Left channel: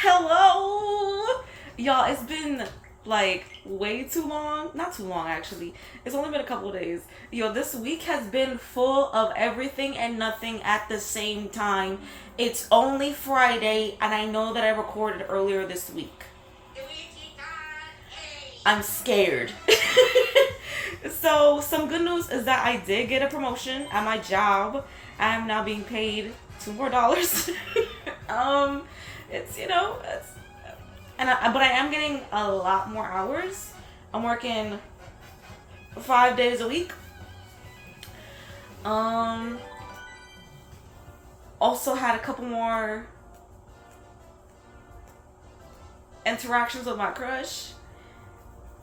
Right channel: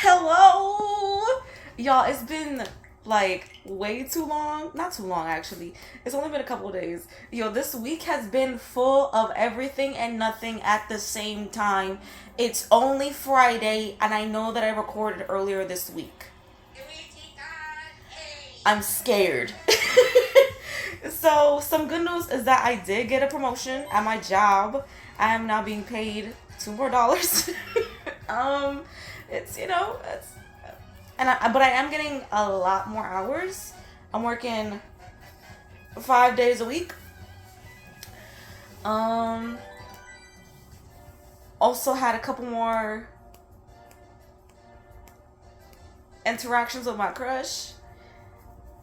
Hello! Y'all, it's been like way too long. Not too long, actually. It's only been a couple of days. Yo, this week has been full of everything and nothing at the same time. It's only Friday, and I know that I recorded earlier this week. I'm scared. So, some good news is that I did get a promotion at my job. I am now being paid $2 more. um, it's but I am getting a lot more hours. I'm working 5 days a week. Um, Also had a couple more interactions with my crush,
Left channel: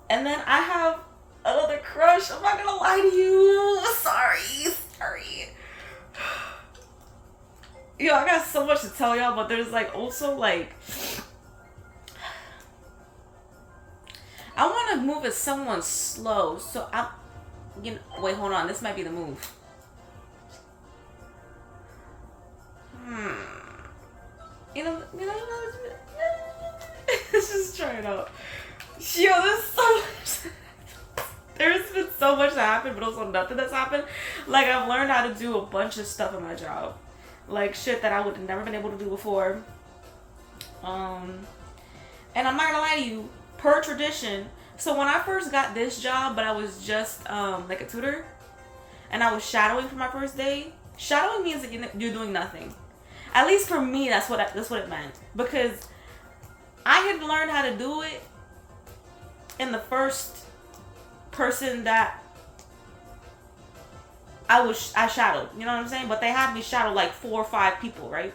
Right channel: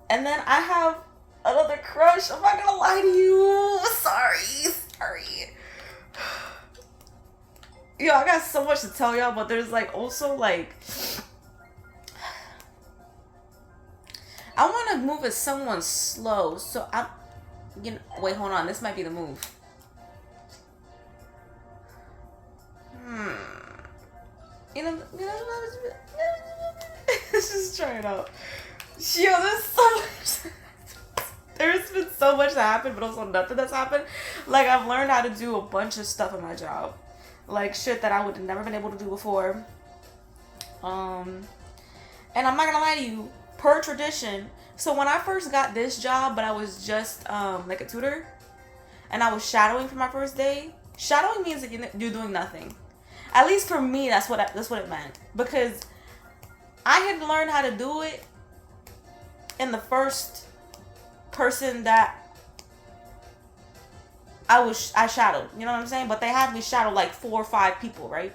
and then I have another crush. I'm not gonna lie to you. Sorry. Yo, I got so much to tell y'all, but there's like also like I want to move as someone slow, so I'm. Wait, hold on. This might be the move. Hmm. Let's just try it out. Yo, there's been so much that happened, but also nothing that's happened. Like, I've learned how to do a bunch of stuff in my job. Like, shit that I would have never been able to do before. And I'm not gonna lie to you, per tradition. So when I first got this job, but I was just like a tutor, and I was shadowing for my first day. Shadowing means that you're doing nothing. At least for me, that's what it meant, because I had learned how to do it in the first person that I shadowed. You know what I'm saying? But they had me shadow like 4 or 5 people, right?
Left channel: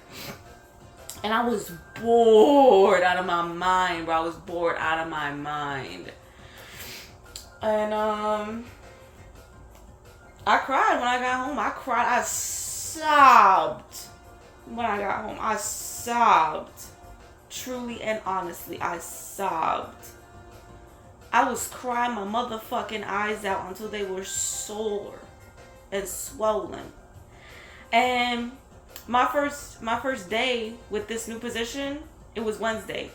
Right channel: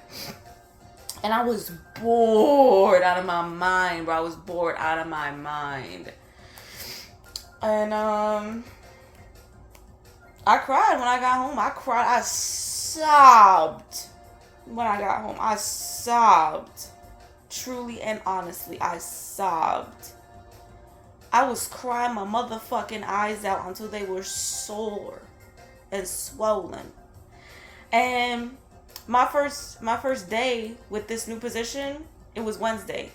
And I was bored out of my mind, bro. I was bored out of my mind. And I cried when I got home. I cried. I sobbed when I got home. I sobbed. Truly and honestly, I sobbed. I was crying my motherfucking eyes out until they were sore and swollen. And my first day with this new position, it was Wednesday.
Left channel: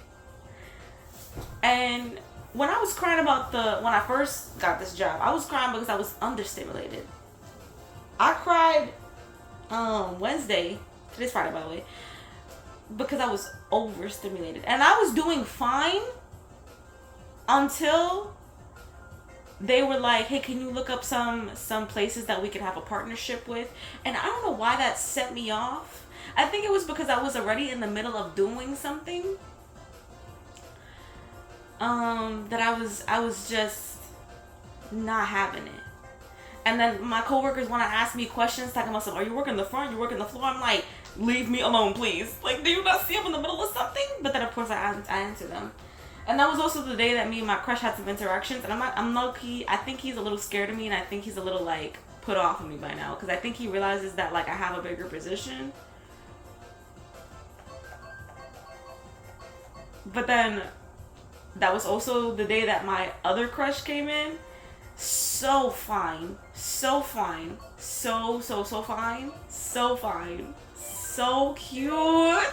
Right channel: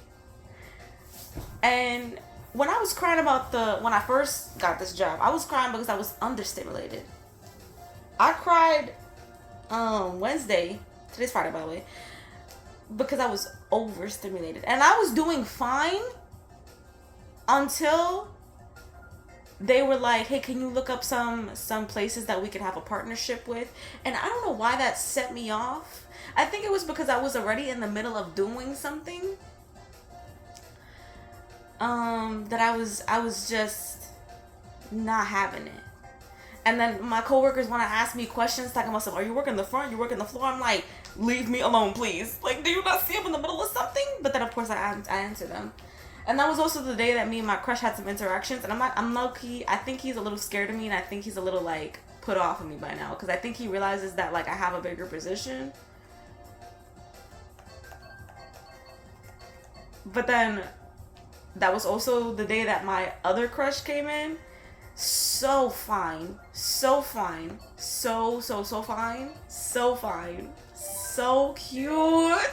And when I was crying when I first got this job, I was crying because I was understimulated. I cried Wednesday, today's Friday by the way, because I was overstimulated. And I was doing fine until they were like, hey, can you look up some places that we can have a partnership with? And I don't know why that set me off. I think it was because I was already in the middle of doing something. That I was just not having it. And then my coworkers want to ask me questions talking about are you working the front? You working the floor? I'm like, leave me alone, please. Like, do you not see I'm in the middle of something? But then of course I answer them. And that was also the day that me and my crush had some interactions. And I'm low key. I think he's a little scared of me, and I think he's a little like put off of me by now, because I think he realizes that like I have a bigger position. But then that was also the day that my other crush came in. So fine. So fine. So fine. So fine. So cute.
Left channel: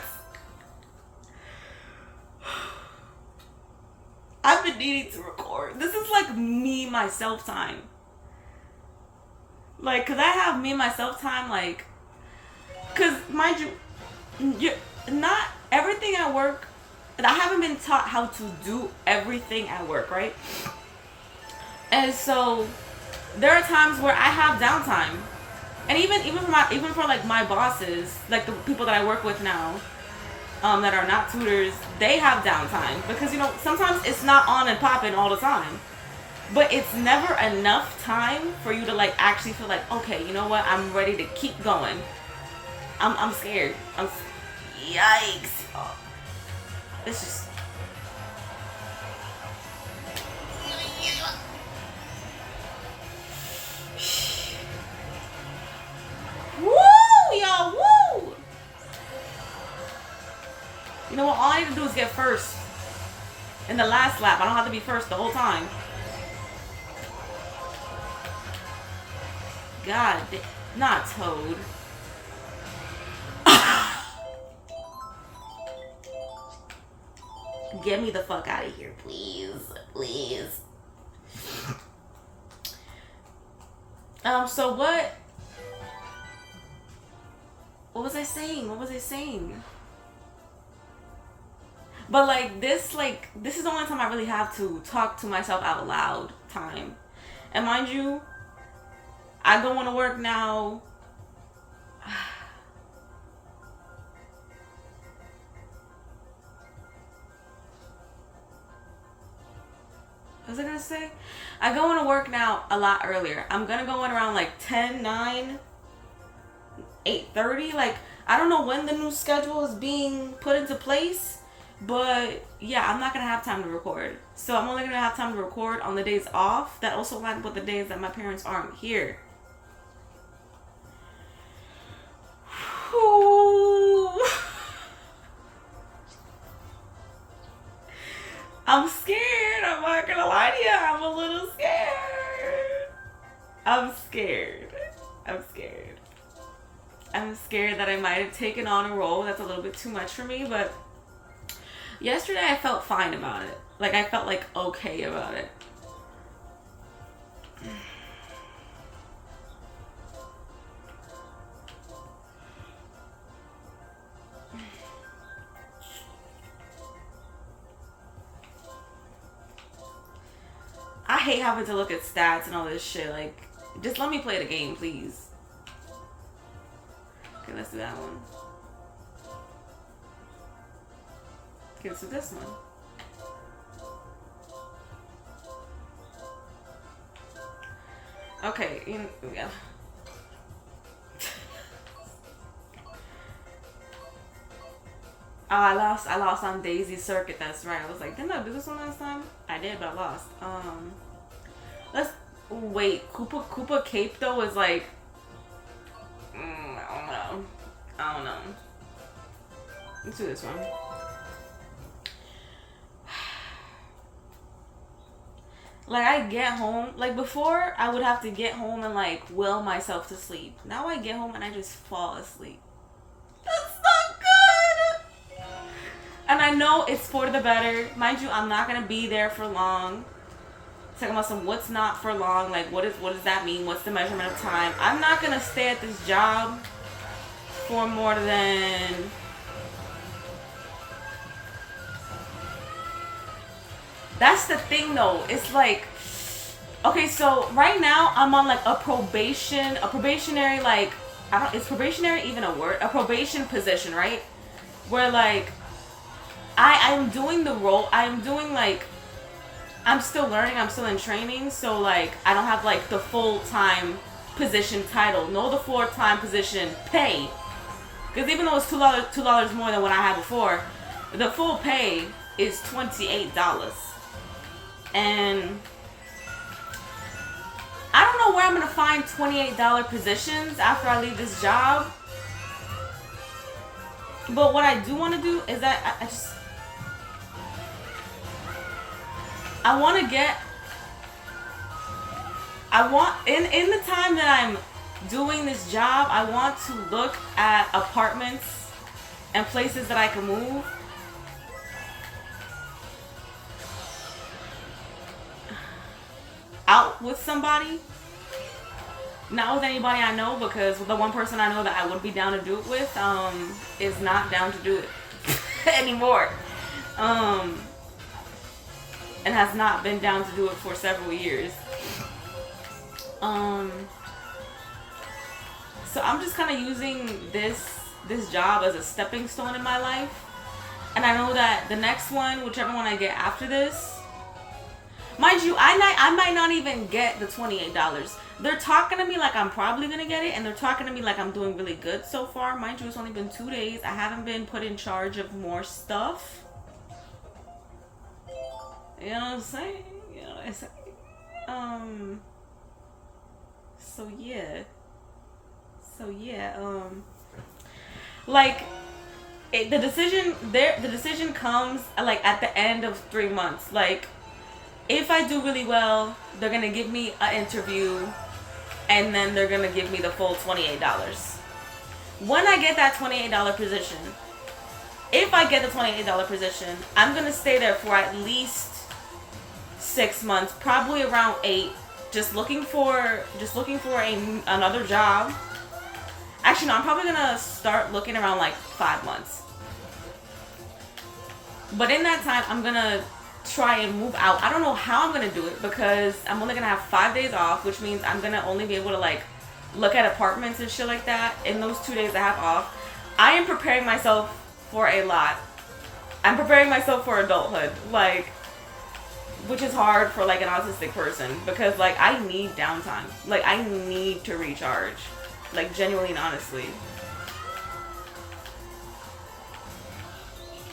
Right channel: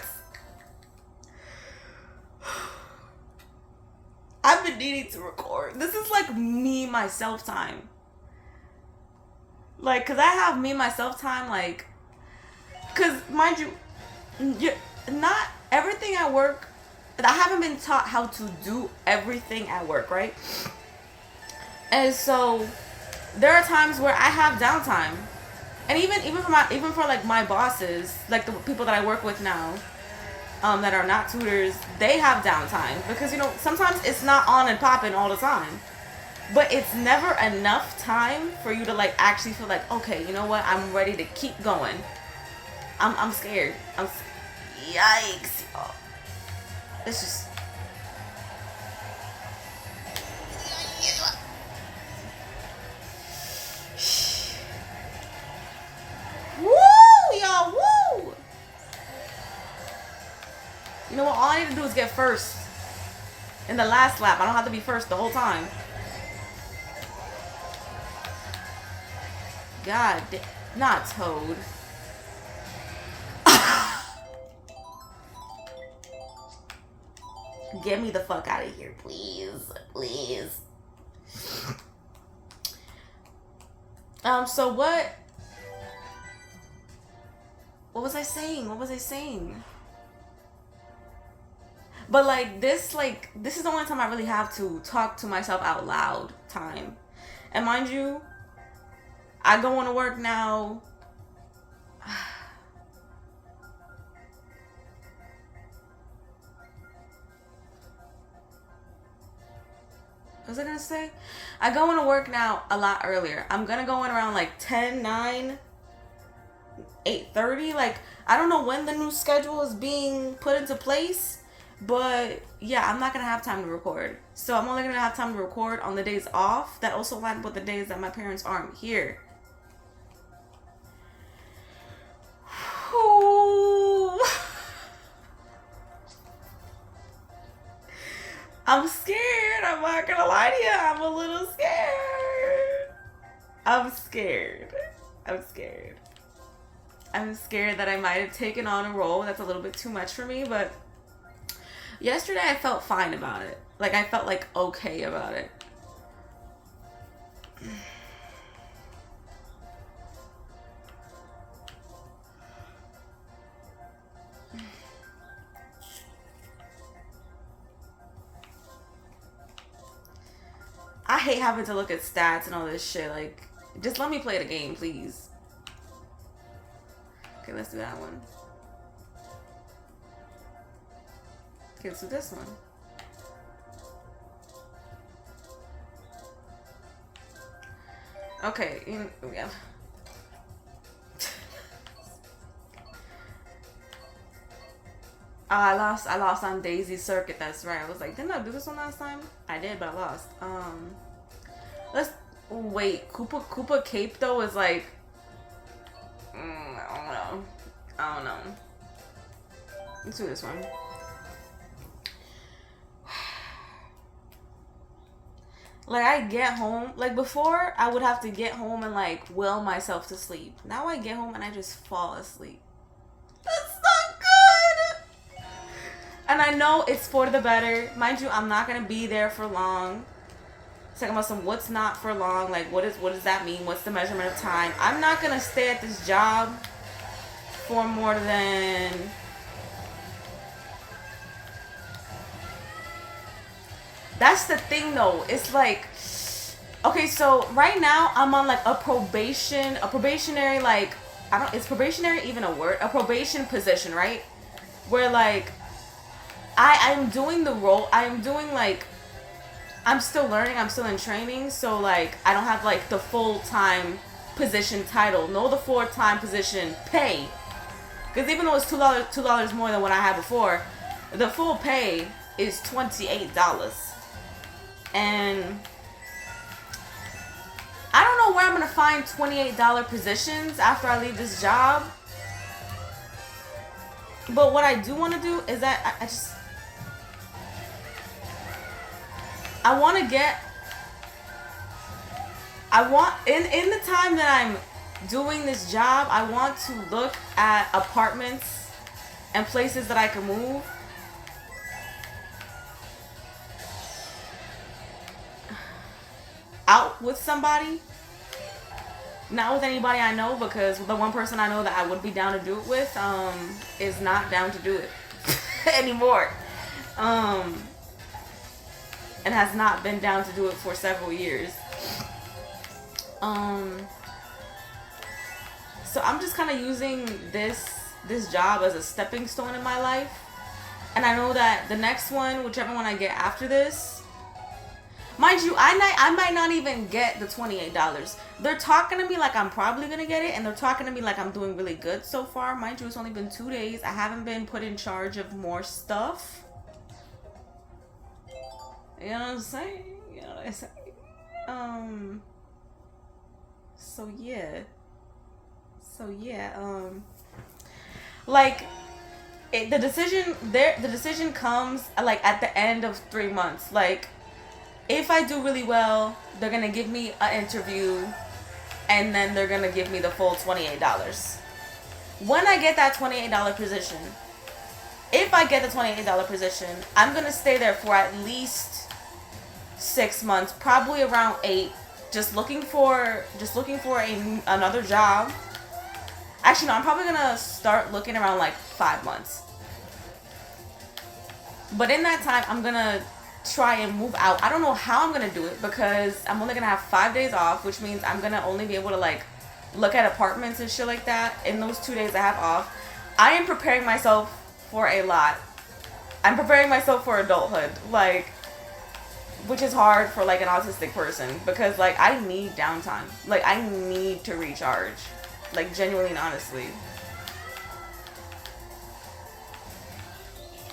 I've been needing to record. This is like me, myself time. Like, cause I have me, myself time, like, cause mind you, not everything at work, I haven't been taught how to do everything at work, right? And so there are times where I have downtime, and even for like my bosses, like the people that I work with now, that are not tutors, they have downtime, because sometimes it's not on and popping all the time, but it's never enough time for you to like actually feel like, okay, you know what, I'm ready to keep going. I'm scared. Yikes. Oh, it's just. Woo, y'all, woo! You know what? All I need to do is get first in the last lap. I don't have to be first the whole time. God, not Toad. Get me the fuck out of here, please. Please. So what was I saying? But like this is the only time I really have to talk to myself out loud time. And mind you, I go into work now. What was I gonna say? I go into work now a lot earlier. I'm gonna go in around like 10, 9, 8:30. Like, I don't know when the new schedule is being put into place, but yeah, I'm not gonna have time to record. So I'm only gonna have time to record on the days off that also line up with the days that my parents aren't here. Ooh. I'm scared. I'm not gonna lie to you. I'm a little scared. I'm scared that I might have taken on a role that's a little bit too much for me, but yesterday I felt fine about it. Like, I felt like okay about it. I hate having to look at stats and all this shit. Like, just let me play the game, please. Okay, let's do that one. Okay, let's do this one. Okay, yeah. I lost on Daisy Circuit, that's right. I was like, didn't I do this one last time? I did, but I lost. Let's wait. Koopa Cape though is like, I don't know. Let's do this one. Like, I get home, like before I would have to get home and like will myself to sleep. Now I get home and I just fall asleep. That's not good. And I know it's for the better. Mind you, I'm not gonna be there for long. Talking about some what's not for long, like what does that mean? What's the measurement of time? I'm not gonna stay at this job for more than that's the thing though. It's like, okay, so right now I'm on like a probationary, like, is probationary even a word? A probation position, right? Where like I'm doing the role, I'm still learning, I'm still in training, so like I don't have like the full-time position title, no the full-time position pay. Because even though it's $2 more than what I had before, the full pay is $28. And I don't know where I'm going to find $28 positions after I leave this job. But what I do want to do is that I want to get, in the time that I'm doing this job, I want to look at apartments and places that I can move. Out with somebody. Not with anybody I know, because the one person I know that I would be down to do it with is not down to do it anymore. And has not been down to do it for several years. So I'm just kind of using this job as a stepping stone in my life. And I know that the next one, whichever one I get after this, mind you, I might not even get the $28. They're talking to me like I'm probably going to get it, and they're talking to me like I'm doing really good so far. Mind you, it's only been 2 days. I haven't been put in charge of more stuff. You know what I'm saying? Like, the decision comes like at the end of 3 months. Like, if I do really well, they're gonna give me an interview, and then they're gonna give me the full $28. When I get that $28 position, if I get the $28 position, I'm gonna stay there for at least 6 months, probably around 8. Just looking for another job. Actually, no, I'm probably gonna start looking around like 5 months. But in that time, I'm gonna try and move out. I don't know how I'm gonna do it because I'm only gonna have 5 days off, which means I'm gonna only be able to like look at apartments and shit like that in those 2 days I have off. I am preparing myself for a lot. I'm preparing myself for adulthood, like, which is hard for like an autistic person because like I need downtime. Like I need to recharge. Like genuinely and honestly.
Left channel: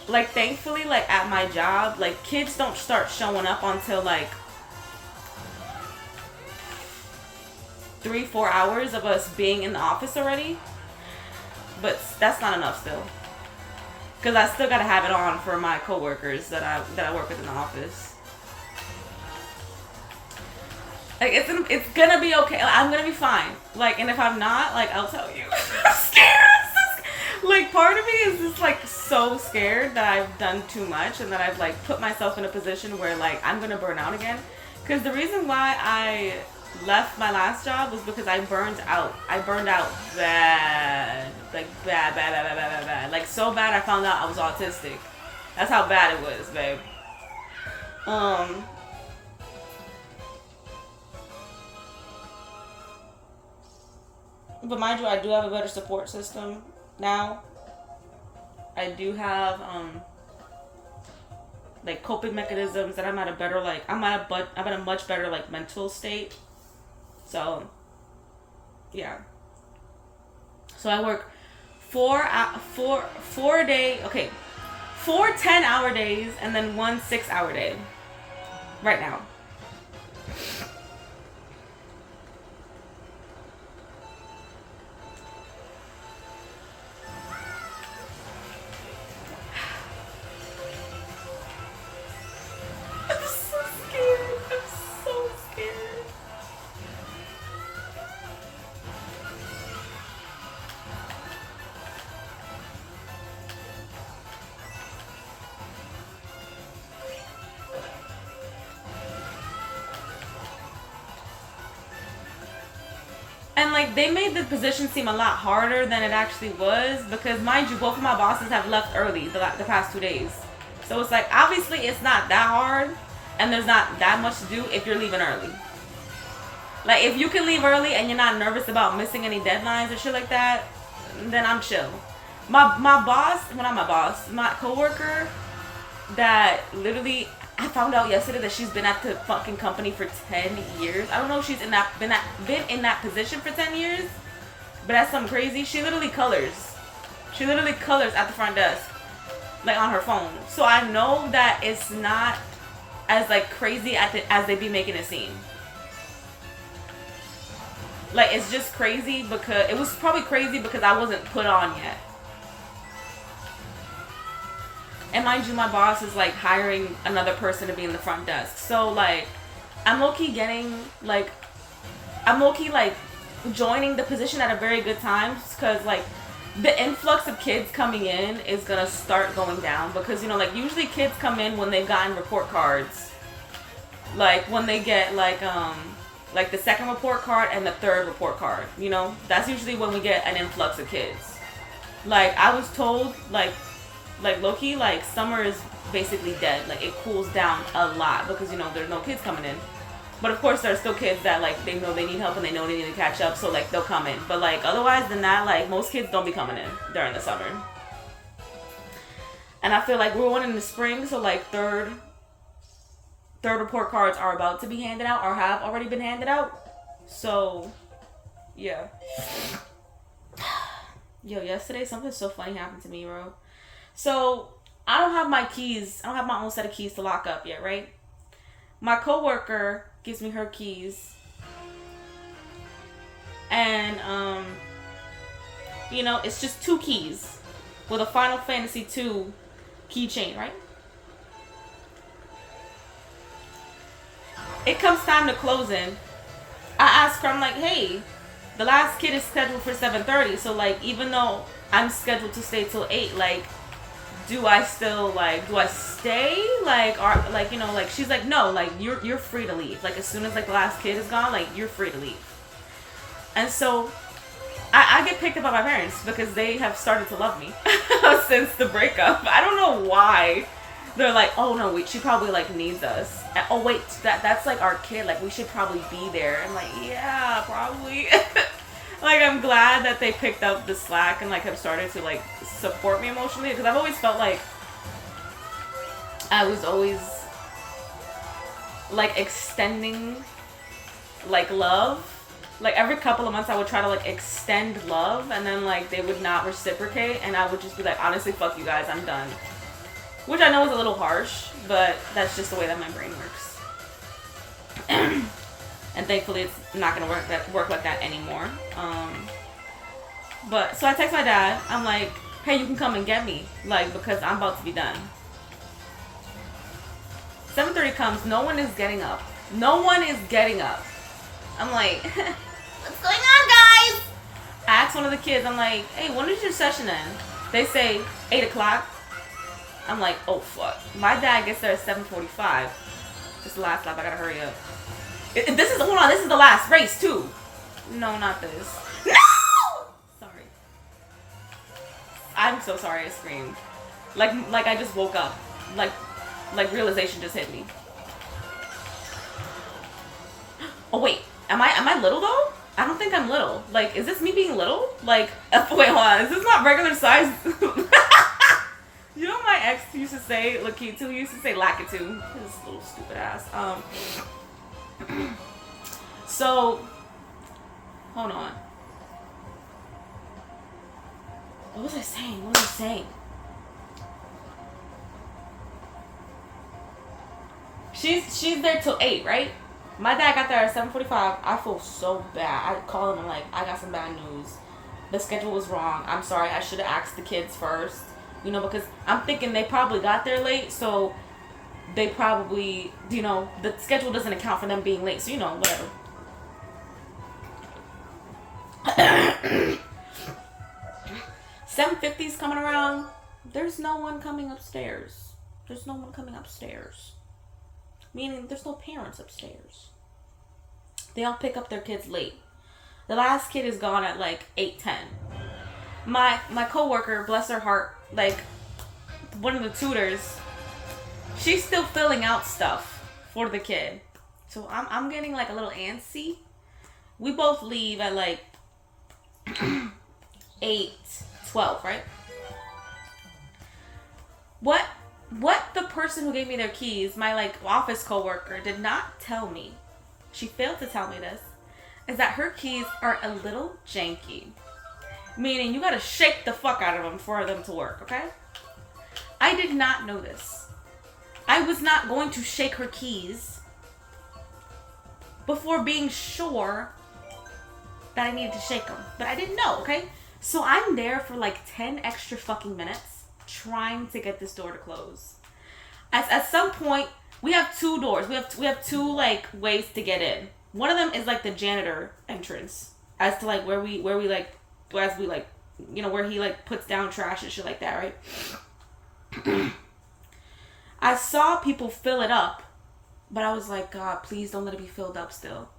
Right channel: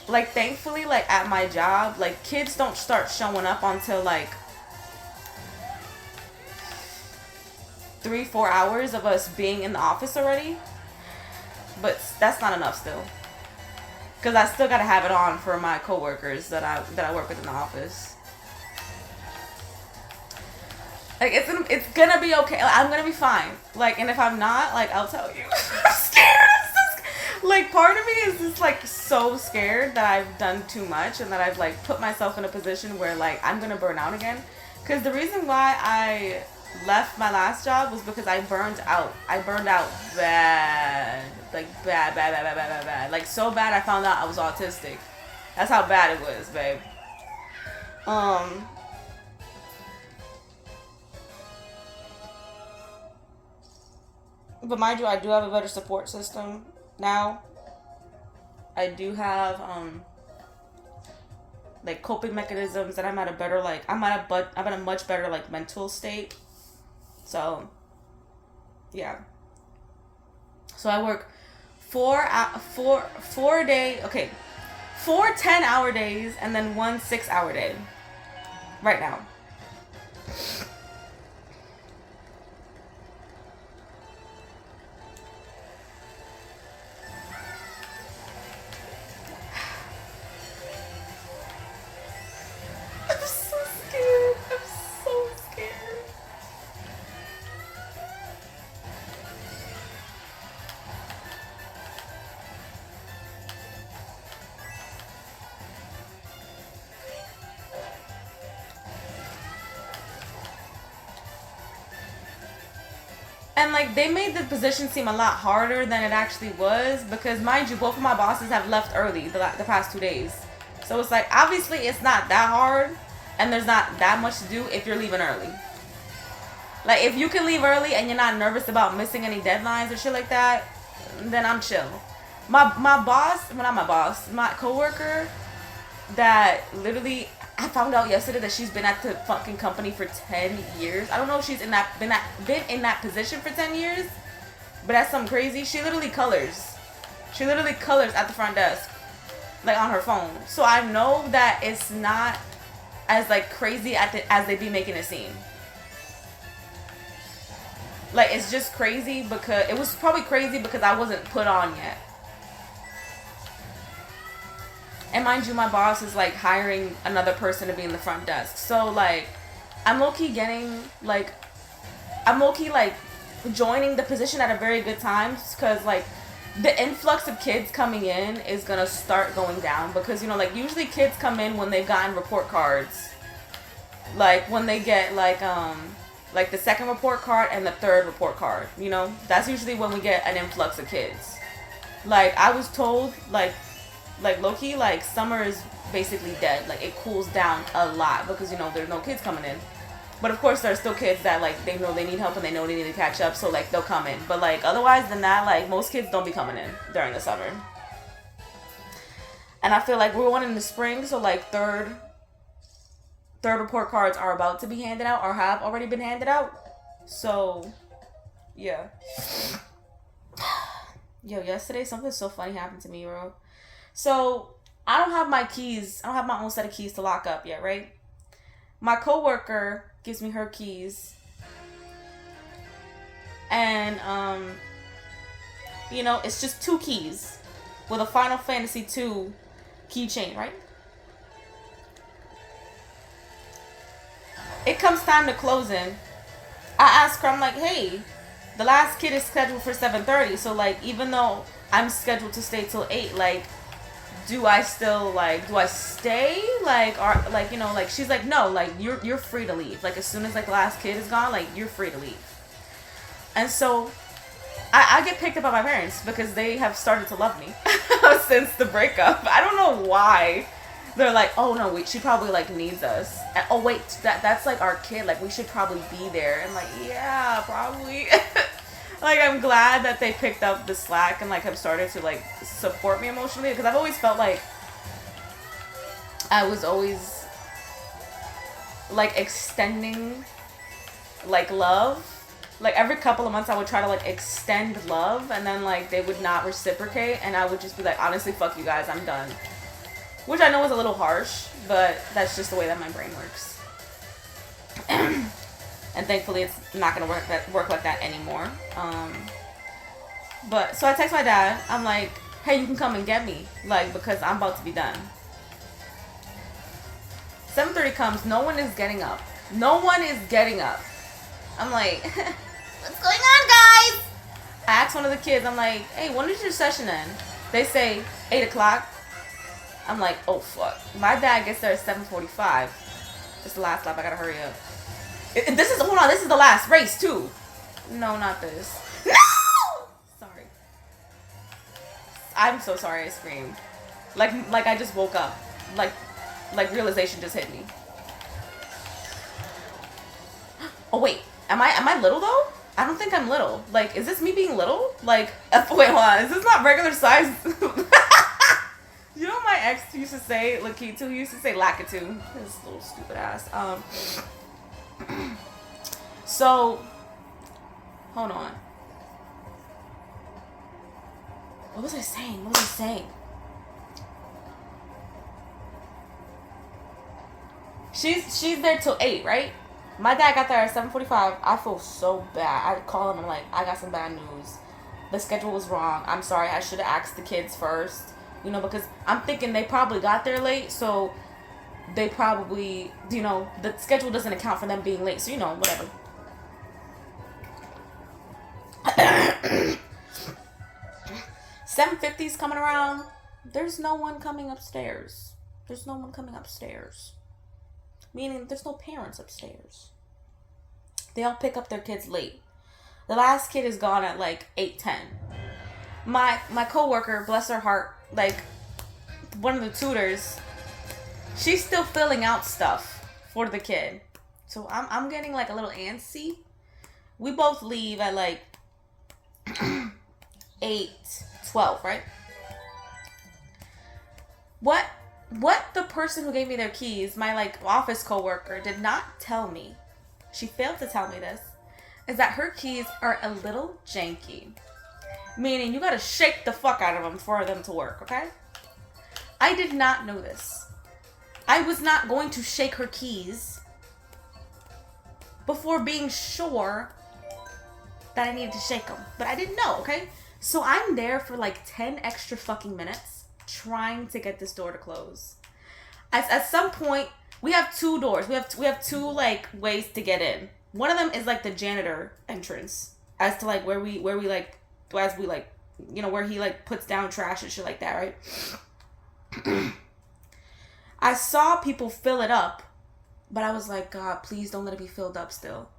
Like thankfully, like at my job, like kids don't start showing up until like 3-4 hours of us being in the office already. But that's not enough still. Because I still gotta have it on for my coworkers that I work with in the office. Like it's gonna be okay. I'm gonna be fine. Like, and if I'm not, like I'll tell you. I'm scared. Like part of me is just like so scared that I've done too much and that I've like put myself in a position where like I'm gonna burn out again. Because the reason why I left my last job was because I burned out. I burned out bad. Like bad. Like so bad I found out I was autistic. That's how bad it was, babe. But mind you, I do have a better support system now. I do have like coping mechanisms that I'm at a better like I'm at a much better like mental state. So yeah. So I work 4 10-hour days and then 1 6-hour day right now. And like they made the position seem a lot harder than it actually was because mind you, both of my bosses have left early the past 2 days. So it's like obviously it's not that hard and there's not that much to do if you're leaving early. Like if you can leave early and you're not nervous about missing any deadlines or shit like that, then I'm chill. My boss, well not my boss, my coworker that literally I found out yesterday that she's been at the fucking company for 10 years. I don't know if she's been in that position for 10 years, but that's something crazy. She literally colors. She literally colors at the front desk, like on her phone. So I know that it's not as like crazy as they be making it seem. Like it's just crazy because it was probably crazy because I wasn't put on yet. And mind you, my boss is like hiring another person to be in the front desk. So like, I'm low-key joining the position at a very good time because like the influx of kids coming in is gonna start going down because you know like usually kids come in when they've gotten report cards. Like when they get like the second report card and the third report card, you know? That's usually when we get an influx of kids. Like I was told like low-key, like summer is basically dead. Like it cools down a lot because you know there's no kids coming in. But of course there's still kids that like they know they need help and they know they need to catch up, so like they'll come in. But like otherwise than that, like most kids don't be coming in during the summer. And I feel like we're one in the spring, so like third report cards are about to be handed out or have already been handed out. So yeah. Yo, yesterday something so funny happened to me, bro. So, I don't have my keys. I don't have my own set of keys to lock up yet, right? My coworker gives me her keys. And, you know, it's just 2 keys with a Final Fantasy 2 keychain, right? It comes time to close in. I ask her, I'm like, hey, the last kid is scheduled for 7:30. So, like, even though I'm scheduled to stay till 8, like, do I still like, do I stay? Like, are like, you know, like she's like, no, like you're free to leave. Like as soon as like the last kid is gone, like you're free to leave. And so I get picked up by my parents because they have started to love me since the breakup. I don't know why. They're like, oh no, she probably like needs us. And, oh wait, that's like our kid. Like we should probably be there. And like, yeah, probably. Like I'm glad that they picked up the slack and like have started to like support me emotionally, because I've always felt like I was always like extending like love. Like every couple of months I would try to like extend love, and then like they would not reciprocate, and I would just be like, honestly, fuck you guys, I'm done. Which I know is a little harsh, but that's just the way that my brain works. And thankfully it's not gonna work like that anymore. But so I text my dad, I'm like, hey, you can come and get me, like, because I'm about to be done. 7:30 comes, no one is getting up. No one is getting up. I'm like, what's going on, guys? I asked one of the kids, I'm like, hey, when is your session end? They say 8 o'clock. I'm like, oh fuck. My dad gets there at 7:45. This is the last lap, I gotta hurry up. Hold on, this is the last race too. No, not this. No! Sorry. I'm so sorry I screamed. Like I just woke up. Like realization just hit me. Oh wait, am I little though? I don't think I'm little. Like, is this me being little? Like, wait, hold on. Is this not regular size? You know what my ex used to say, Lakitu, he used to say Lakitu. His little stupid ass. So, hold on. What was I saying? She's there till 8, right? My dad got there at 7:45. I feel so bad. I call him and like, I got some bad news. The schedule was wrong. I'm sorry. I should have asked the kids first. You know, because I'm thinking they probably got there late, so they probably, you know, the schedule doesn't account for them being late. So, you know, whatever. 7:50's coming around. There's no one coming upstairs. Meaning there's no parents upstairs. They all pick up their kids late. The last kid is gone at like 8:10. My coworker, bless her heart, like one of the tutors, she's still filling out stuff for the kid. So I'm getting like a little antsy. We both leave at like 8:12, right? What the person who gave me their keys, my like office coworker, did not tell me, she failed to tell me this, is that her keys are a little janky. Meaning you gotta shake the fuck out of them for them to work, okay? I did not know this. I was not going to shake her keys before being sure that I needed to shake them. But I didn't know, okay? So I'm there for like 10 extra fucking minutes trying to get this door to close. At some point, we have 2 doors. We have 2 like ways to get in. One of them is like the janitor entrance, as to like where we like, as we like, you know, where he like puts down trash and shit like that, right? I saw people fill it up, but I was like, God, please don't let it be filled up still.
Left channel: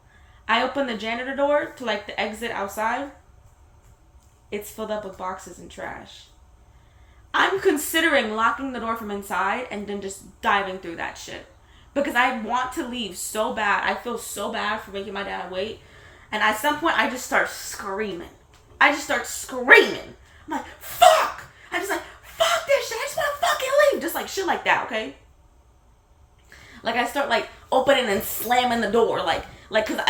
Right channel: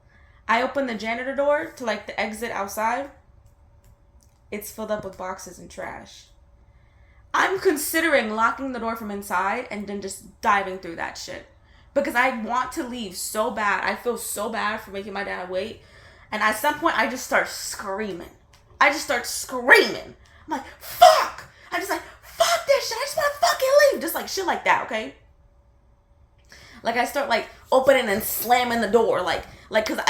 I opened the janitor door to like the exit outside. It's filled up with boxes and trash. I'm considering locking the door from inside and then just diving through that shit. Because I want to leave so bad. I feel so bad for making my dad wait. And at some point, I just start screaming. I'm like, fuck! I'm just like, fuck this shit. I just want to fucking leave. Just like shit like that, okay? Like I start like opening and slamming the door. Like cause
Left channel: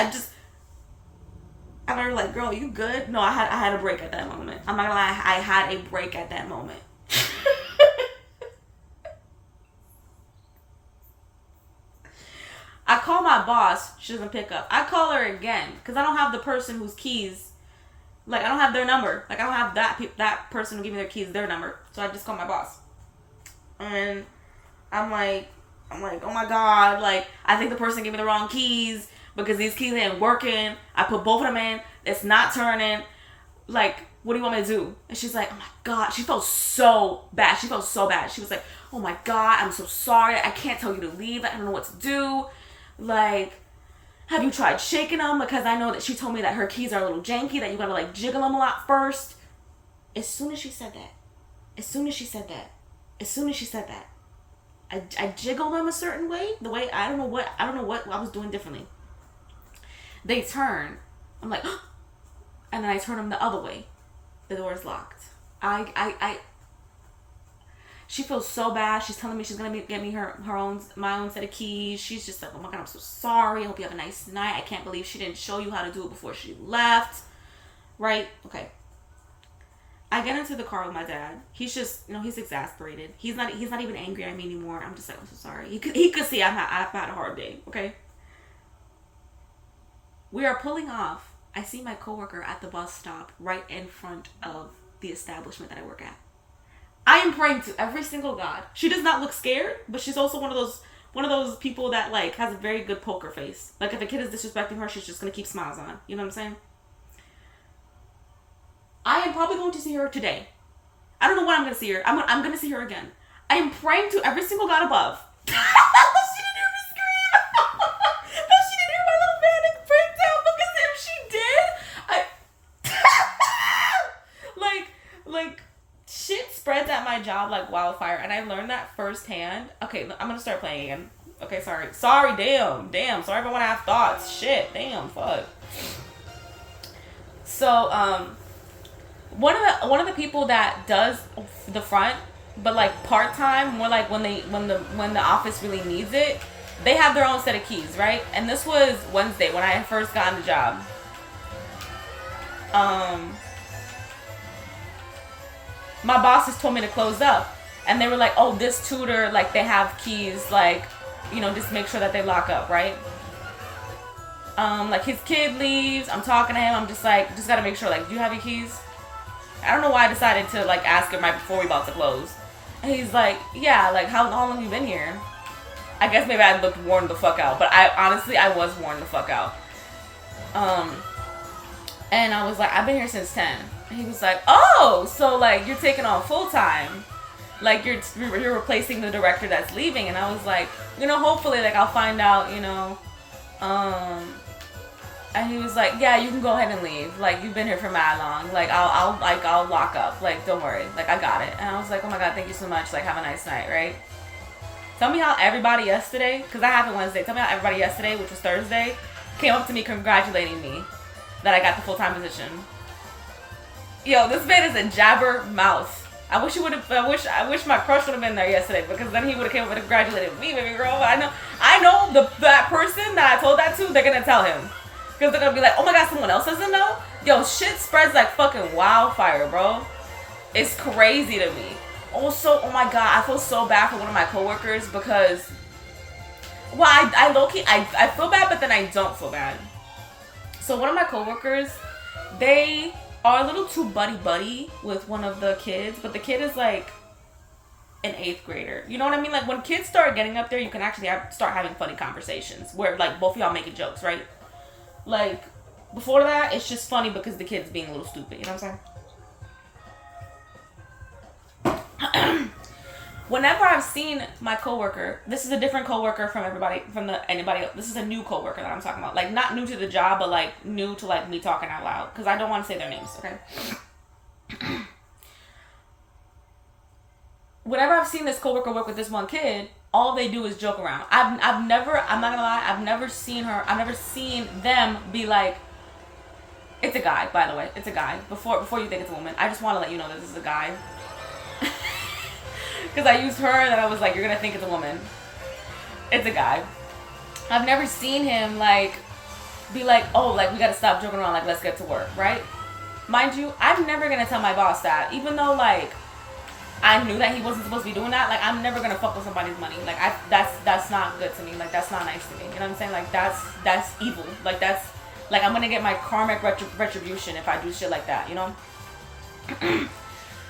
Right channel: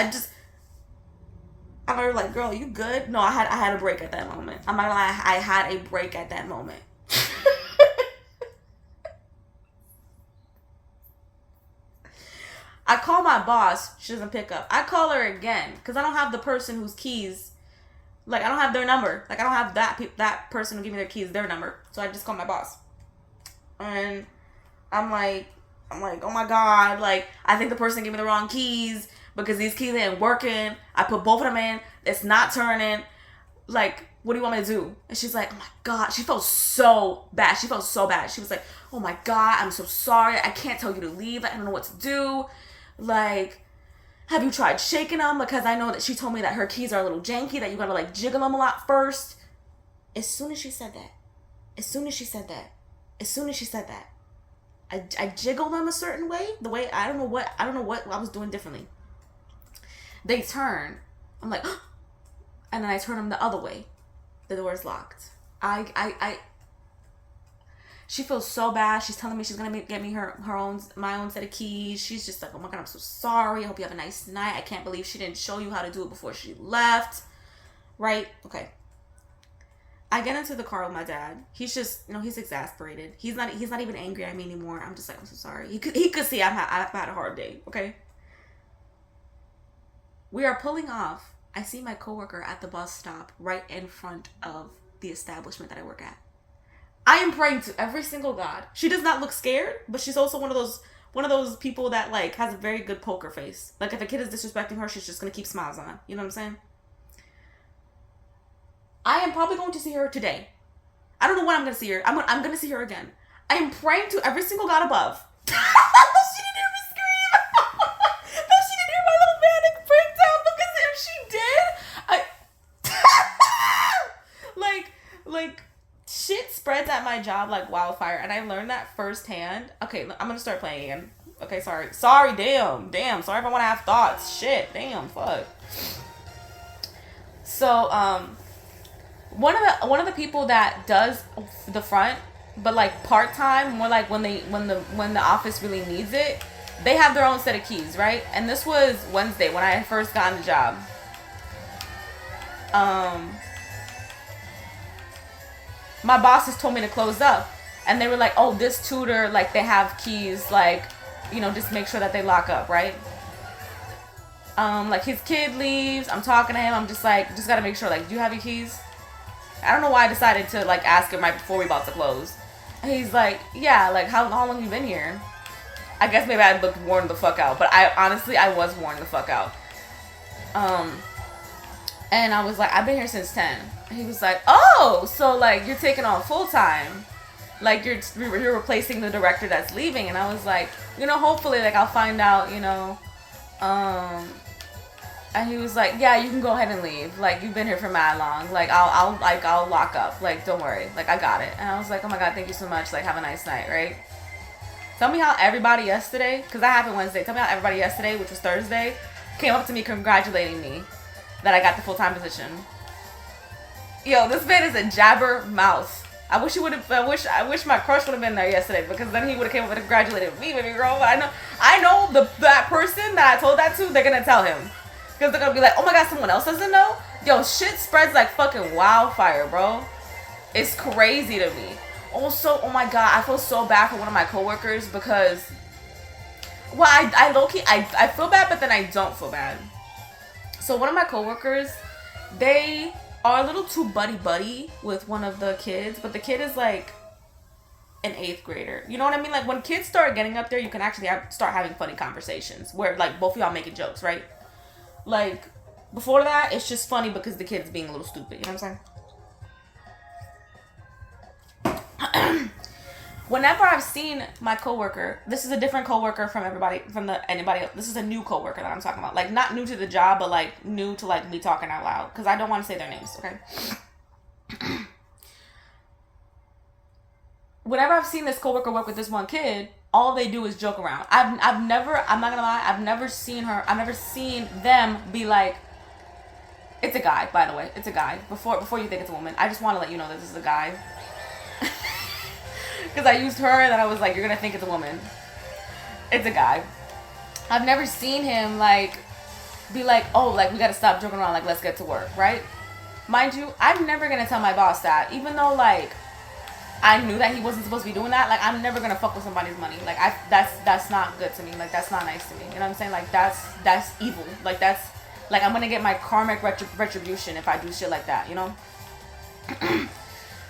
I'm like, girl, you good? No, I had a break at that moment. I'm not gonna lie, I had a break at that moment. I call my boss. She doesn't pick up. I call her again because I don't have the person whose keys. Like I don't have their number. Like I don't have that person who gave me their keys, their number. So I just call my boss. And I'm like, oh my God. Like I think the person gave me the wrong keys because these keys ain't working. I put both of them in. It's not turning. like, what do you want me to do? And she's like, oh my God. She felt so bad. She felt so bad. She was like, oh my God, I'm so sorry. I can't tell you to leave. I don't know what to do. Like, have you tried shaking them? Because I know that she told me that her keys are a little janky, that you gotta like jiggle them a lot first. As soon as she said that, I jiggle them a certain way. The way, I don't know what I was doing differently. They turn. I'm like, and then I turn them the other way. The door is locked. She feels so bad. She's telling me she's gonna get me my own set of keys. She's just like, oh my God, I'm so sorry. I hope you have a nice night. I can't believe she didn't show you how to do it before she left. Right? Okay. I get into the car with my dad. He's just, he's exasperated. He's not even angry at me anymore. I'm just like, I'm so sorry. He could see I've had a hard day. Okay. We are pulling off. I see my coworker at the bus stop right in front of the establishment that I work at. I am praying to every single God. She does not look scared, but she's also one of those people that like has a very good poker face. Like if a kid is disrespecting her, she's just gonna keep smiles on. You know what I'm saying? I am probably going to see her today. I don't know when I'm gonna see her. I'm gonna see her again. I am praying to every single God above. She didn't hear me scream. She didn't hear my little panic breakdown, because if she did, like shit spreads at my job like wildfire, and I learned that firsthand. Okay, I'm gonna start playing again. Okay, sorry, damn, sorry if I want to have thoughts. Shit, damn, fuck. So, one of the people that does the front, but like part time, more like when the office really needs it, they have their own set of keys, right? And this was Wednesday when I first got on the job. My bosses told me to close up, and they were like, oh, this tutor, like, they have keys, like, just make sure that they lock up, right? Like, his kid leaves, I'm talking to him, I'm just like, just gotta make sure, like, do you have your keys? I don't know why I decided to, like, ask him right before we about to close. And he's like, yeah, like, how long have you been here? I guess maybe I looked worn the fuck out, but I was worn the fuck out. And I was like, I've been here since 10. And he was like, oh, so like you're taking on full time, like you're replacing the director that's leaving. And I was like, hopefully, like I'll find out, and he was like, yeah, you can go ahead and leave. Like you've been here for mad long. Like I'll lock up. Like don't worry. Like I got it. And I was like, oh my God, thank you so much. Like have a nice night, right? Tell me how everybody yesterday, because that happened Wednesday. Tell me how everybody yesterday, which was Thursday, came up to me congratulating me that I got the full-time position. Yo, this man is a jabber mouth. I wish my crush would have been there yesterday, because then he would have came up and congratulated me, baby girl. But I know that person that I told that to, they're gonna tell him, because they're gonna be like, oh my God, someone else doesn't know. Yo, shit spreads like fucking wildfire, bro. It's crazy to me. Also, oh my God, I feel so bad for one of my coworkers because, well, I low-key, I feel bad, but then I don't feel bad. So one of my coworkers, they are a little too buddy with one of the kids, but the kid is like an 8th grader. You know what I mean? Like when kids start getting up there, you can actually start having funny conversations where like both of y'all making jokes, right? Like before that, it's just funny because the kid's being a little stupid. You know what I'm saying? Whenever I've seen my coworker, this is a different coworker from anybody else. This is a new coworker that I'm talking about. Like not new to the job, but like new to like me talking out loud, because I don't want to say their names, okay? Whenever I've seen this coworker work with this one kid, all they do is joke around. I'm not gonna lie, I've never seen them be like, it's a guy, by the way, it's a guy. Before you think it's a woman, I just want to let you know that this is a guy. Because I used her and then I was like, you're going to think it's a woman. It's a guy. I've never seen him, like, be like, oh, like, we got to stop joking around, like, let's get to work, right? Mind you, I'm never going to tell my boss that. Even though, like, I knew that he wasn't supposed to be doing that. Like, I'm never going to fuck with somebody's money. Like, that's not good to me. Like, that's not nice to me. You know what I'm saying? Like, that's evil. Like, that's, like, I'm going to get my karmic retribution if I do shit like that, you know?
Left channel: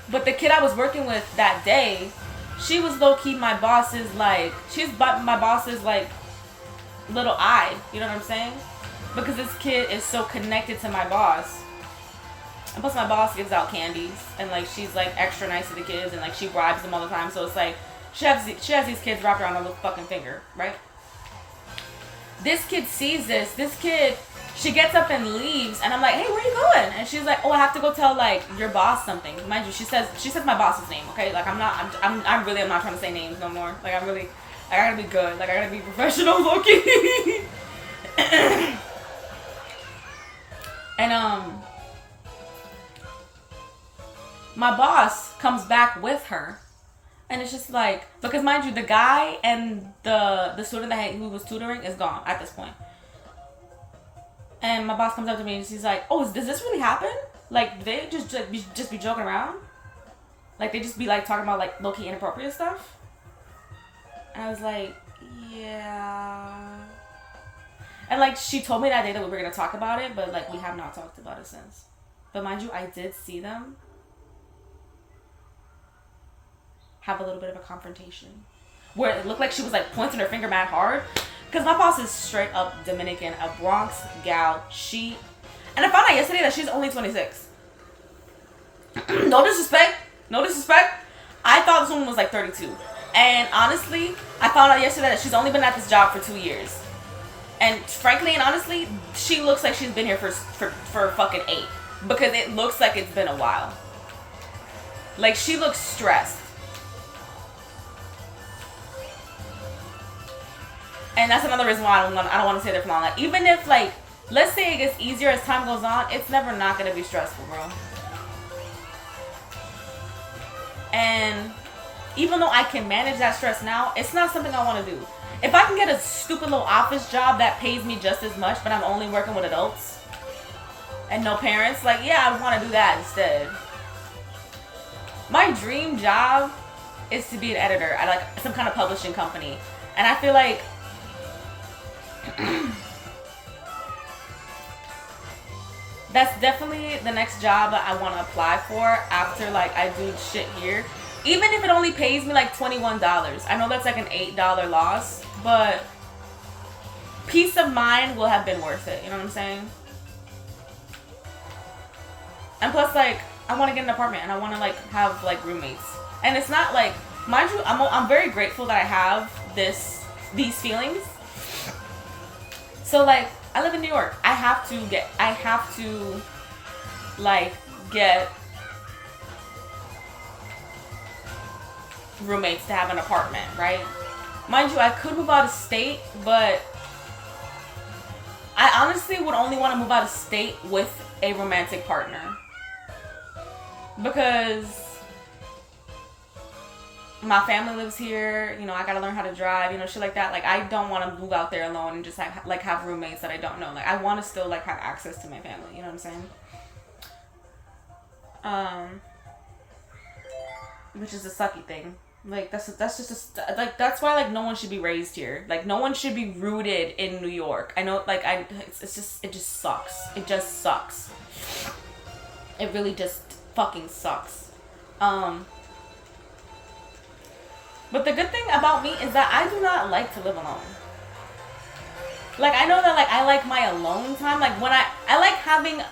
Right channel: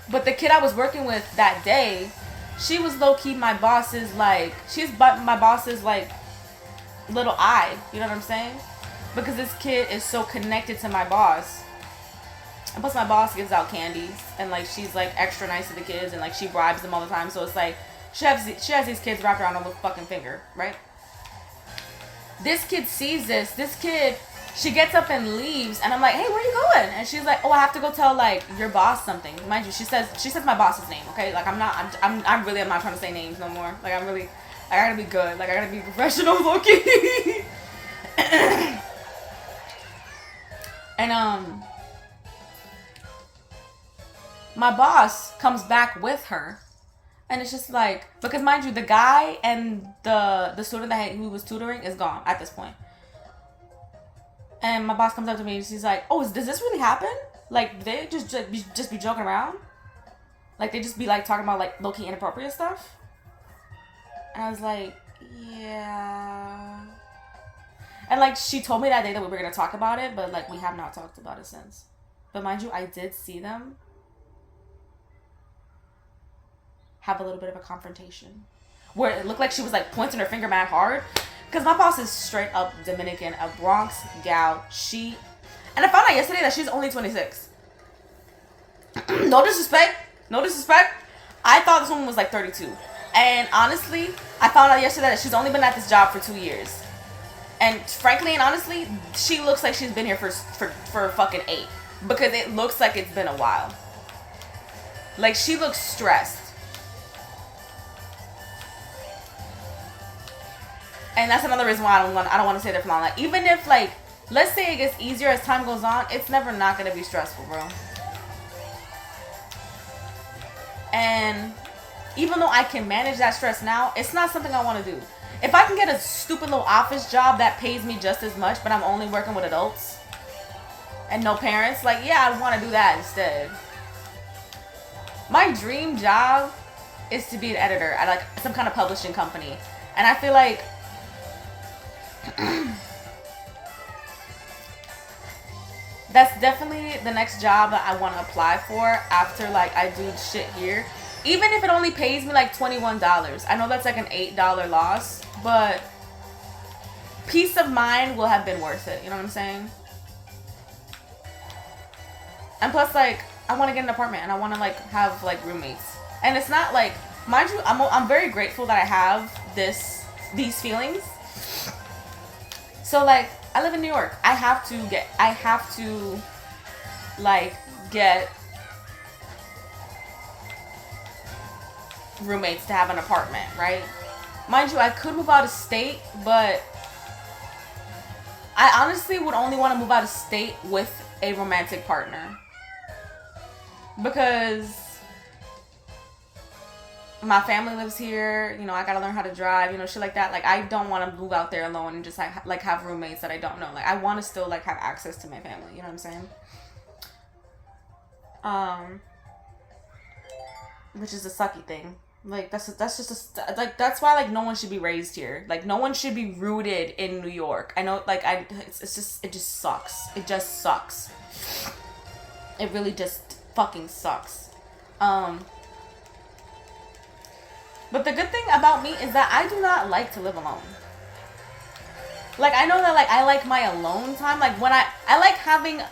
But the kid I was working with that day, she was low-key my boss's, like, my boss's, like, little eye. You know what I'm saying? Because this kid is so connected to my boss. And plus, my boss gives out candies, and like she's like extra nice to the kids, and like she bribes them all the time. So it's like she has these kids wrapped around her little fucking finger, right? This kid sees this. This kid, she gets up and leaves, and I'm like, hey, where are you going? And she's like, oh, I have to go tell like your boss something. Mind you, she says my boss's name. Okay, like I'm not trying to say names no more. Like I gotta be good. Like I gotta be professional, low-key. And my boss comes back with her, and it's just like, because mind you, the guy and the student who was tutoring is gone at this point. And my boss comes up to me and she's like, oh, does this really happen? Like, do they just be joking around? Like, they just be like talking about like low-key inappropriate stuff? And I was like, yeah. And like, she told me that day that we were gonna talk about it, but like we have not talked about it since. But mind you, I did see them have a little bit of a confrontation where it looked like she was like pointing her finger mad hard, because my boss is straight up Dominican, a Bronx gal. And I found out yesterday that she's only 26. No disrespect. I thought this woman was like 32, and honestly I found out yesterday that she's only been at this job for 2 years, and frankly and honestly she looks like she's been here for fucking 8, because it looks like it's been a while. Like, she looks stressed. And that's another reason why I don't want to stay there for long. Like, even if, like, let's say it gets easier as time goes on, it's never not going to be stressful, bro. And even though I can manage that stress now, it's not something I want to do. If I can get a stupid little office job that pays me just as much, but I'm only working with adults and no parents, like, yeah, I want to do that instead. My dream job is to be an editor at like some kind of publishing company. And I feel like that's definitely the next job that I want to apply for after like I do shit here. Even if it only pays me like $21. I know that's like an $8 loss, but peace of mind will have been worth it. You know what I'm saying? And plus, like, I want to get an apartment and I want to like have like roommates. And it's not like, mind you, I'm very grateful that I have these feelings. So like, I live in New York. I have to like get roommates to have an apartment, right? Mind you, I could move out of state, but I honestly would only want to move out of state with a romantic partner. Because my family lives here, you know, I gotta learn how to drive, you know, shit like that. Like, I don't want to move out there alone and just like have roommates that I don't know. Like, I want to still like have access to my family, you know what I'm saying? Which is a sucky thing. Like, that's just like, that's why like no one should be raised here. Like, no one should be rooted in New York. I know, like, it just sucks. It just sucks. It really just fucking sucks. But the good thing about me is that I do not like to live alone. Like, I know that, like, I like my alone time. Like, when I like having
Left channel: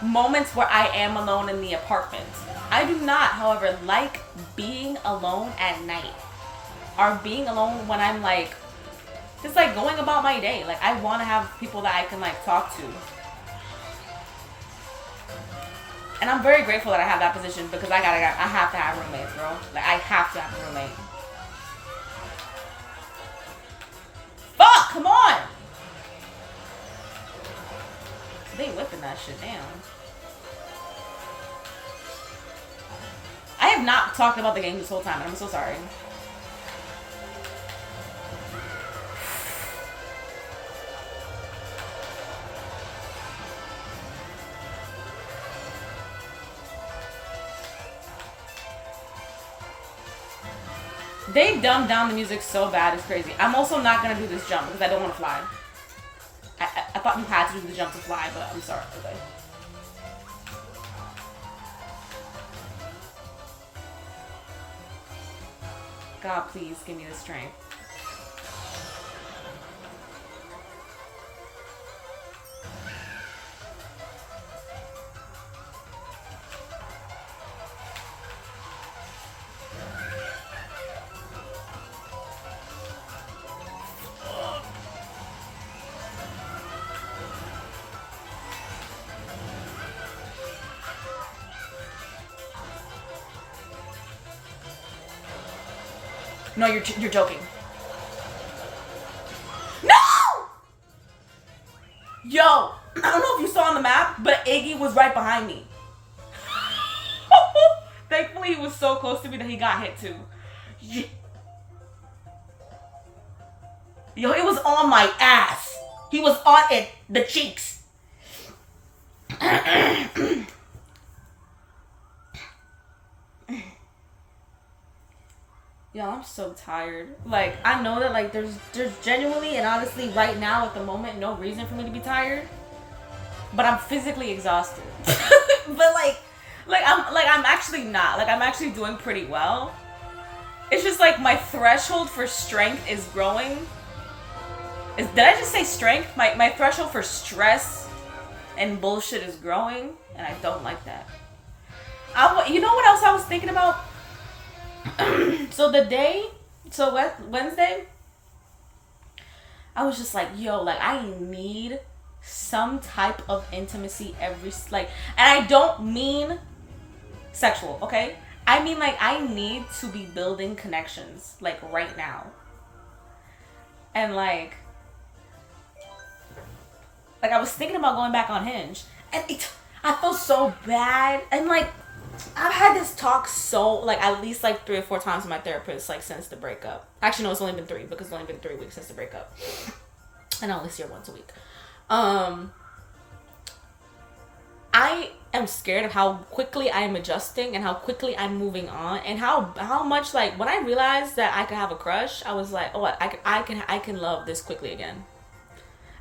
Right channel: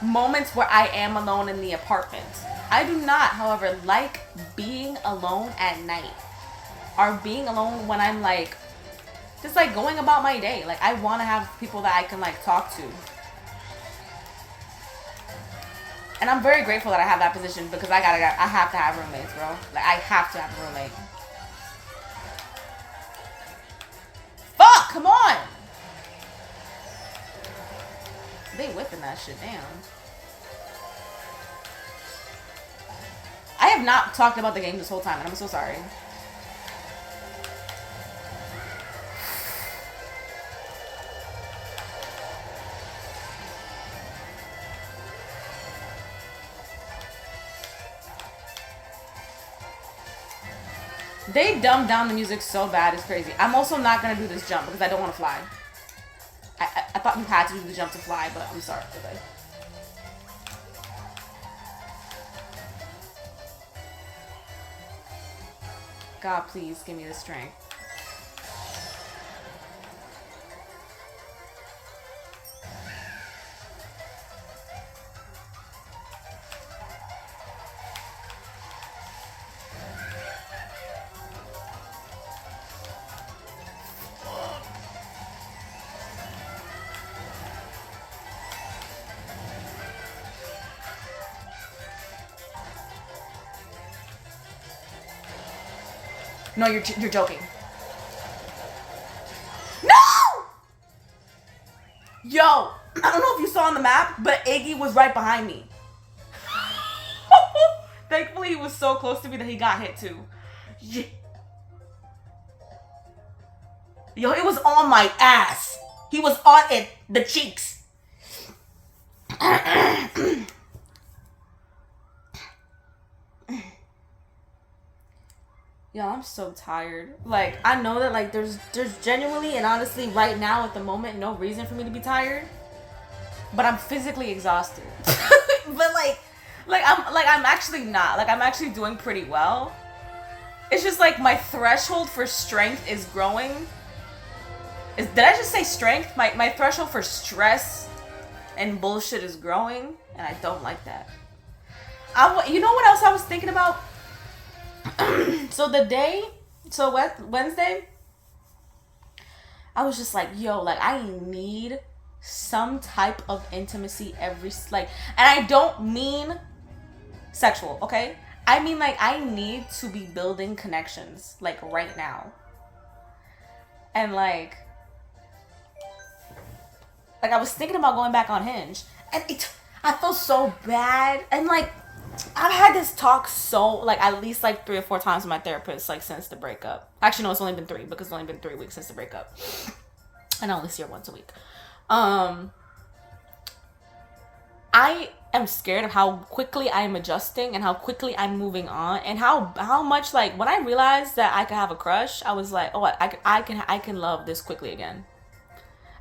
moments where I am alone in the apartment. I do not, however, like being alone at night. Or being alone when I'm, like, just, like, going about my day. Like, I want to have people that I can, like, talk to. And I'm very grateful that I have that position, because I have to have roommates, bro. Like, I have to have a roommate. Fuck, come on! They whipping that shit down. I have not talked about the game this whole time, and I'm so sorry. They dumbed down the music so bad, it's crazy. I'm also not gonna do this jump because I don't want to fly. I thought you had to do the jump to fly, but I'm sorry. Okay. God, please give me the strength. No, you're joking. No! Yo, I don't know if you saw on the map, but Iggy was right behind me. Thankfully, he was so close to me that he got hit too. Yeah. Yo, it was on my ass. He was on it, the cheeks. Yeah, I'm so tired. Like, I know that like there's genuinely and honestly right now at the moment no reason for me to be tired. But I'm physically exhausted. But I'm actually not. Like I'm actually doing pretty well. It's just like my threshold for strength is growing. Did I just say strength? My threshold for stress and bullshit is growing, and I don't like that. You know what else I was thinking about? So Wednesday, I was just like, yo, like I need some type of intimacy and I don't mean sexual, okay? I mean like I need to be building connections like right now. And like I was thinking about going back on Hinge, and I feel so bad, and like I've had this talk at least like 3 or 4 times with my therapist like since the breakup. Actually, no, it's only been 3 because it's only been 3 weeks since the breakup, and I only see her once a week. I am scared of how quickly I'm adjusting and how quickly I'm moving on, and how much like when I realized that I could have a crush, I was like, oh, I can love this quickly again.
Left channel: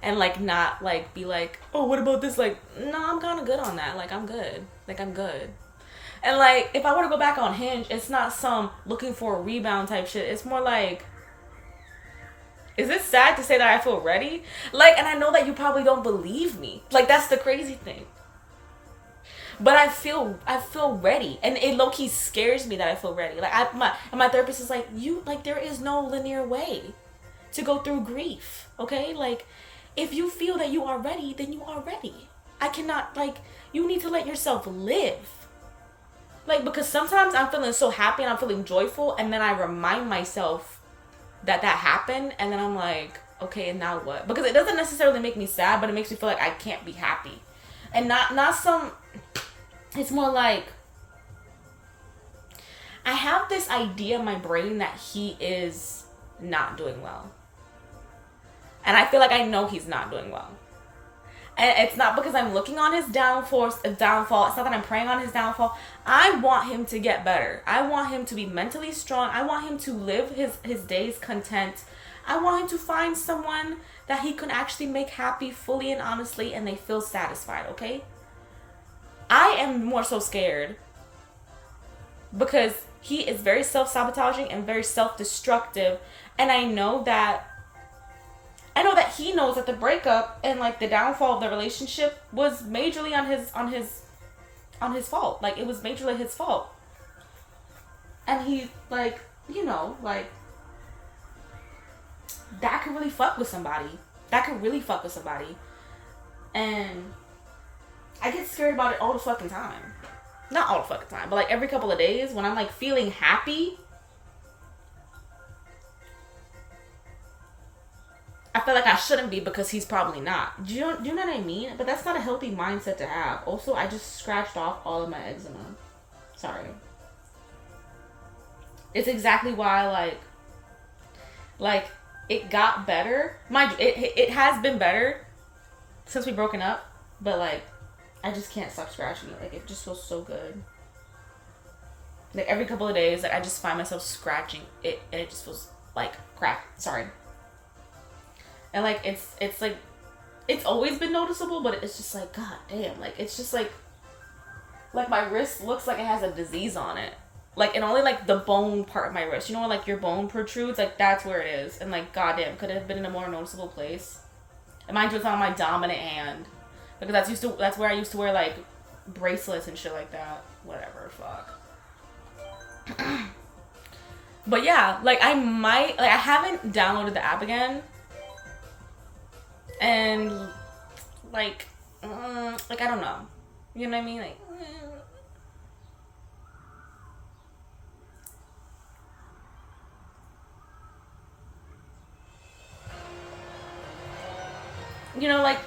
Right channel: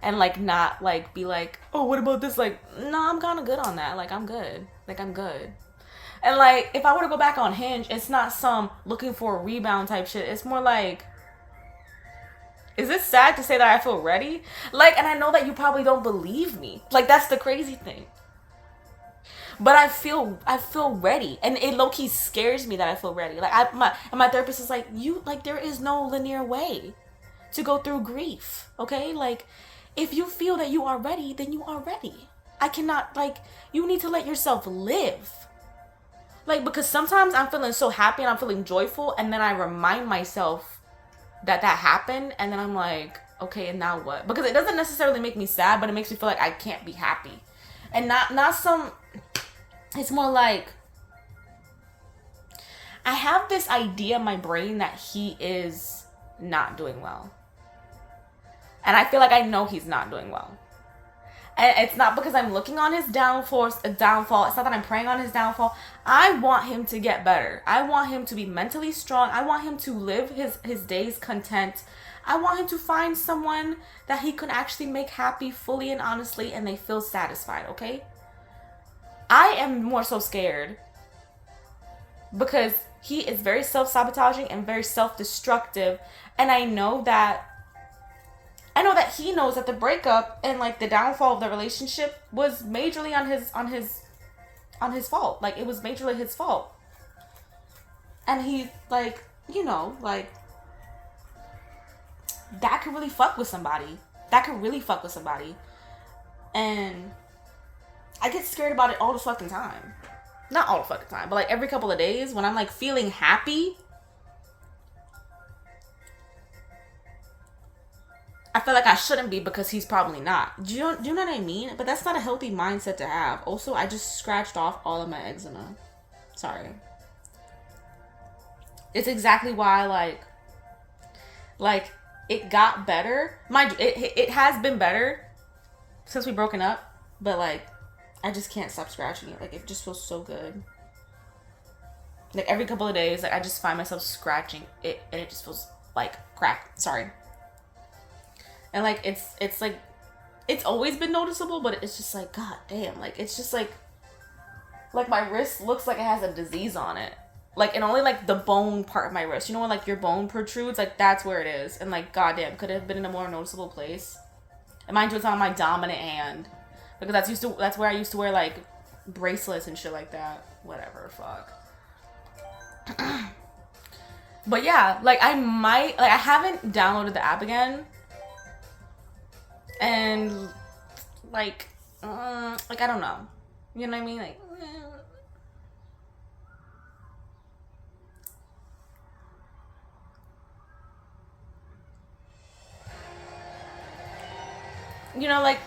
And like not like be like, oh, what about this? Like, no, I'm kind of good on that. Like I'm good. And like if I were to go back on Hinge, it's not some looking for a rebound type shit. It's more like, is it sad to say that I feel ready? Like, and I know that you probably don't believe me. Like that's the crazy thing. But I feel ready, and it low key scares me that I feel ready. Like my therapist is like, you like there is no linear way to go through grief. Okay, like. If you feel that you are ready, then you are ready. I cannot, you need to let yourself live. Like, because sometimes I'm feeling so happy and I'm feeling joyful, and then I remind myself that happened, and then I'm like, okay, and now what? Because it doesn't necessarily make me sad, but it makes me feel like I can't be happy. And it's more like, I have this idea in my brain that he is not doing well. And I feel like I know he's not doing well. And it's not because I'm looking on his downfall. It's not that I'm praying on his downfall. I want him to get better. I want him to be mentally strong. I want him to live his days content. I want him to find someone that he can actually make happy fully and honestly, and they feel satisfied, okay? I am more so scared because he is very self-sabotaging and very self-destructive. And I know that he knows that the breakup and like the downfall of the relationship was majorly on his fault. Like it was majorly his fault. And he like, like that could really fuck with somebody. And I get scared about it all the fucking time. Not all the fucking time, but like every couple of days when I'm like feeling happy, I feel like I shouldn't be because he's probably not. Do you know what I mean? But that's not a healthy mindset to have. Also, I just scratched off all of my eczema. Sorry. It's exactly why like it got better. Mind you, it has been better since we broken up, but like I just can't stop scratching it. Like it just feels so good. Like every couple of days, like I just find myself scratching it, and it just feels like crack. Sorry. And like it's like it's always been noticeable, but it's just like, god damn, like it's just like my wrist looks like it has a disease on it. Like, and only like the bone part of my wrist. You know when like your bone protrudes? Like that's where it is. And like goddamn, could it have been in a more noticeable place? And mind you, it's on my dominant hand. Because that's where I used to wear like bracelets and shit like that. Whatever, fuck. But yeah, like I haven't downloaded the app again. And like I don't know, you know what I mean? Like, you know, like,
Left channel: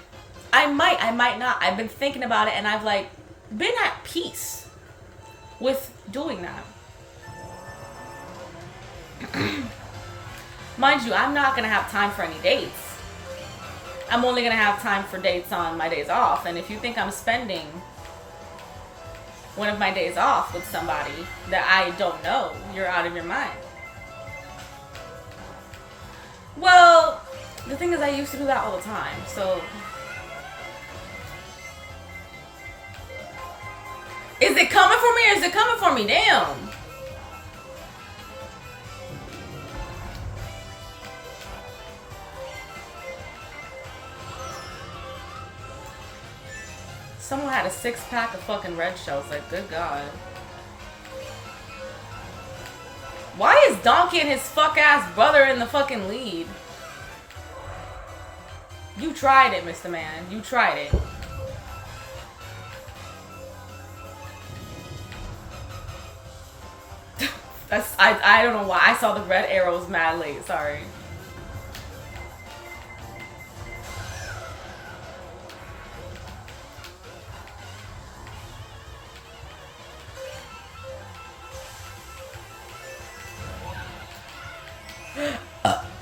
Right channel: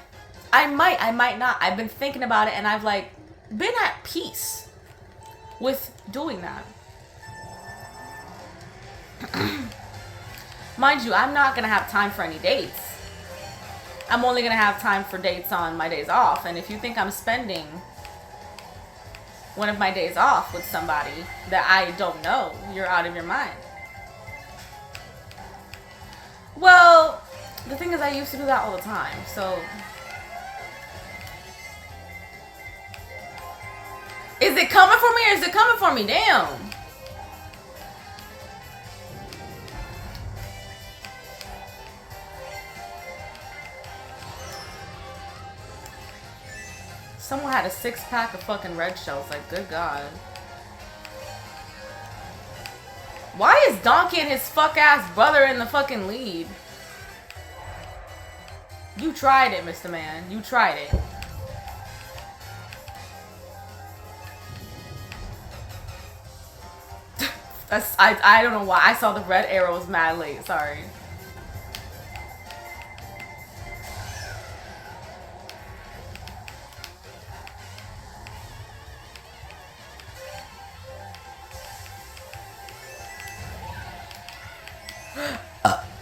I might not. I've been thinking about it, and I've, like, been at peace with doing that. Mind you, I'm not gonna have time for any dates. I'm only gonna have time for dates on my days off, and if you think I'm spending one of my days off with somebody that I don't know, you're out of your mind. Well, the thing is, I used to do that all the time, so... Is it coming for me or is it coming for me? Damn. Someone had a 6-pack of fucking red shells. Like, good God. Why is Donkey and his fuck-ass brother in the fucking lead? You tried it, Mr. Man. You tried it. I don't know why. I saw the red arrows mad late. Sorry.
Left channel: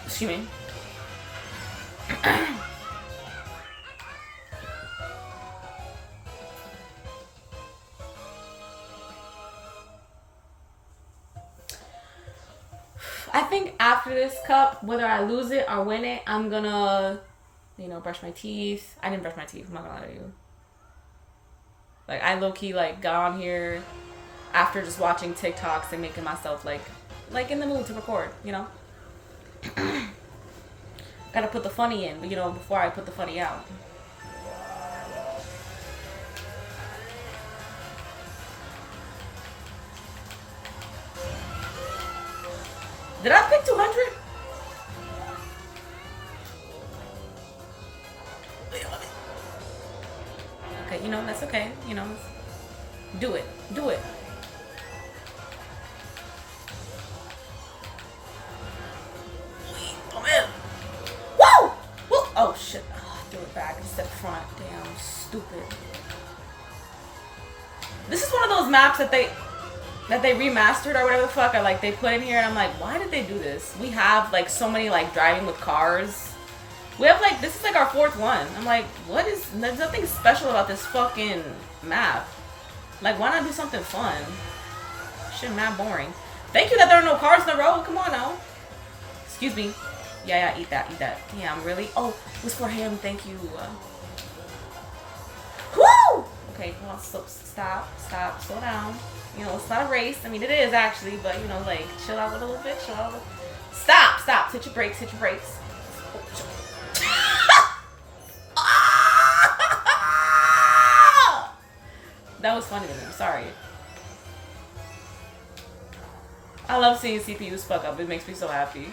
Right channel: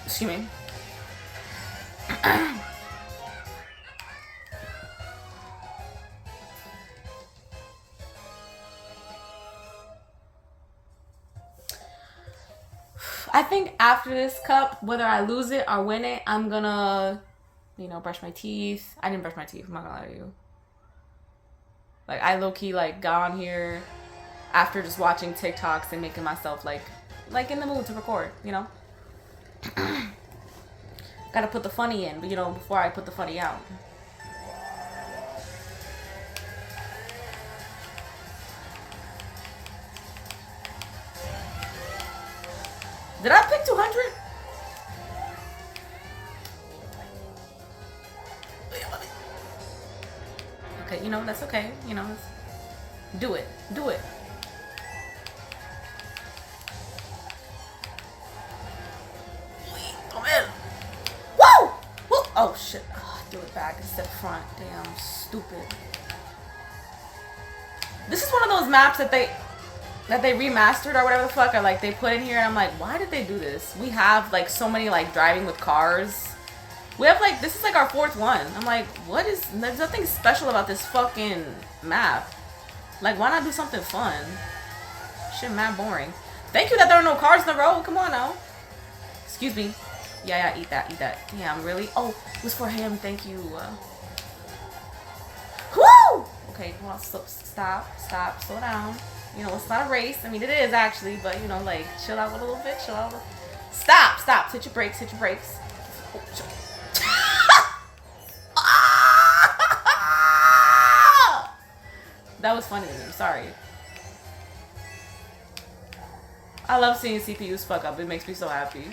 Excuse me. I think after this cup, whether I lose it or win it, I'm gonna, you know, brush my teeth. I didn't brush my teeth, I'm not gonna lie to you. Like, I low-key, like, got on here after just watching TikToks and making myself, like in the mood to record, you know? Gotta put the funny in, you know, before I put the funny out. Did I pick 200? Okay, you know, that's okay. You know, do it. Do it. Come in. Woo! Woo! Oh, shit. Oh, do it back. It's the front. Damn, stupid. This is one of those maps that they remastered or whatever the fuck, or like they put in here, and I'm like, why did they do this? We have like so many like driving with cars. We have like, this is like our 4th one. I'm like, what is, there's nothing special about this fucking map. Like, why not do something fun? Shit, mad boring. Thank you that there are no cars in the road. Come on now. Excuse me. Yeah, eat that, eat that. Yeah, I'm really, oh, it was for him. Thank you. Woo! Okay, come on, stop, slow down. You know, it's not a race. I mean, it is actually, but you know, like, chill out a little bit, chill out a little. Stop. Hit your brakes, hit your brakes. That was funny to me, I'm sorry. I love seeing CPUs fuck up. It makes me so happy.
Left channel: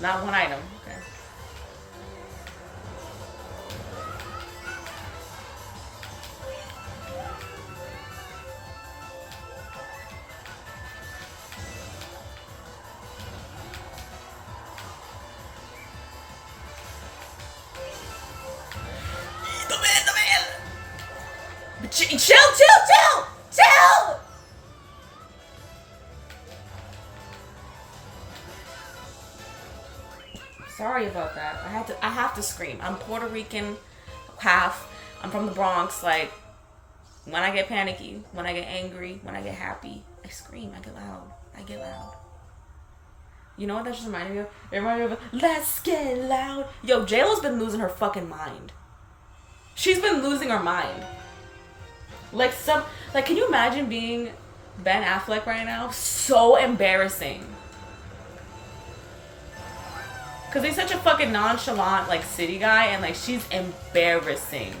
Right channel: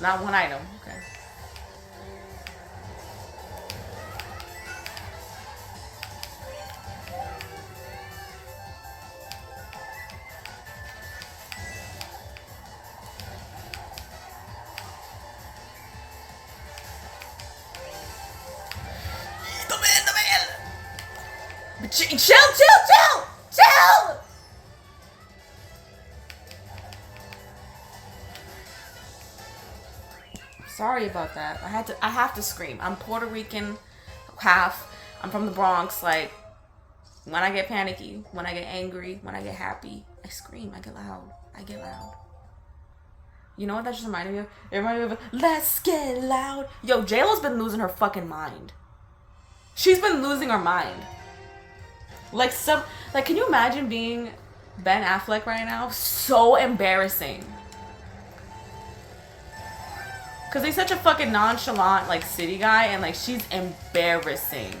Not one item. Okay. Chill! Sorry about that. I have to scream. I'm Puerto Rican, half. I'm from the Bronx. Like, when I get panicky, when I get angry, when I get happy, I scream. I get loud. You know what that just reminded me of? It reminded me of, let's get loud. Yo, JLo's been losing her fucking mind. She's been losing her mind. Like, can you imagine being Ben Affleck right now? So embarrassing. Because he's such a fucking nonchalant, like, city guy, and, like, she's embarrassing.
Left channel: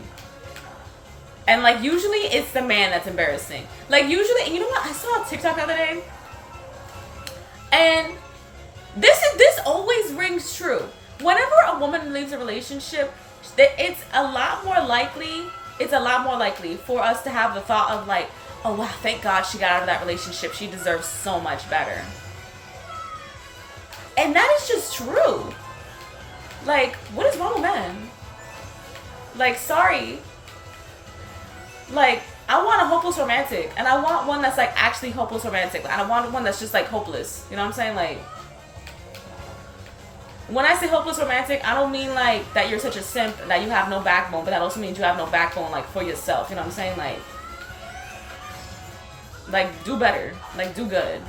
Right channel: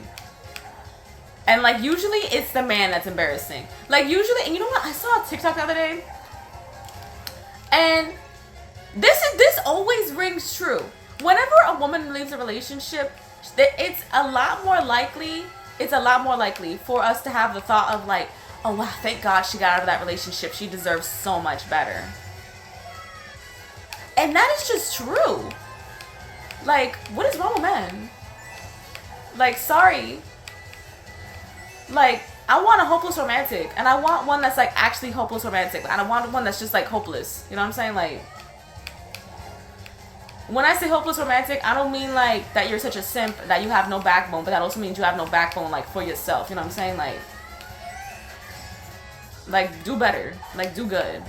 And, like, usually it's the man that's embarrassing. Like, usually, and you know what? I saw a TikTok the other day, and this always rings true. Whenever a woman leaves a relationship, it's a lot more likely for us to have the thought of like, oh wow, thank God she got out of that relationship. She deserves so much better. And that is just true. Like, what is wrong with men? Like, sorry. Like, I want a hopeless romantic, and I want one that's like actually hopeless romantic. I don't want one that's just like hopeless. You know what I'm saying? Like, when I say hopeless romantic, I don't mean like that you're such a simp that you have no backbone, but that also means you have no backbone like for yourself. You know what I'm saying? Like do better. Like do good.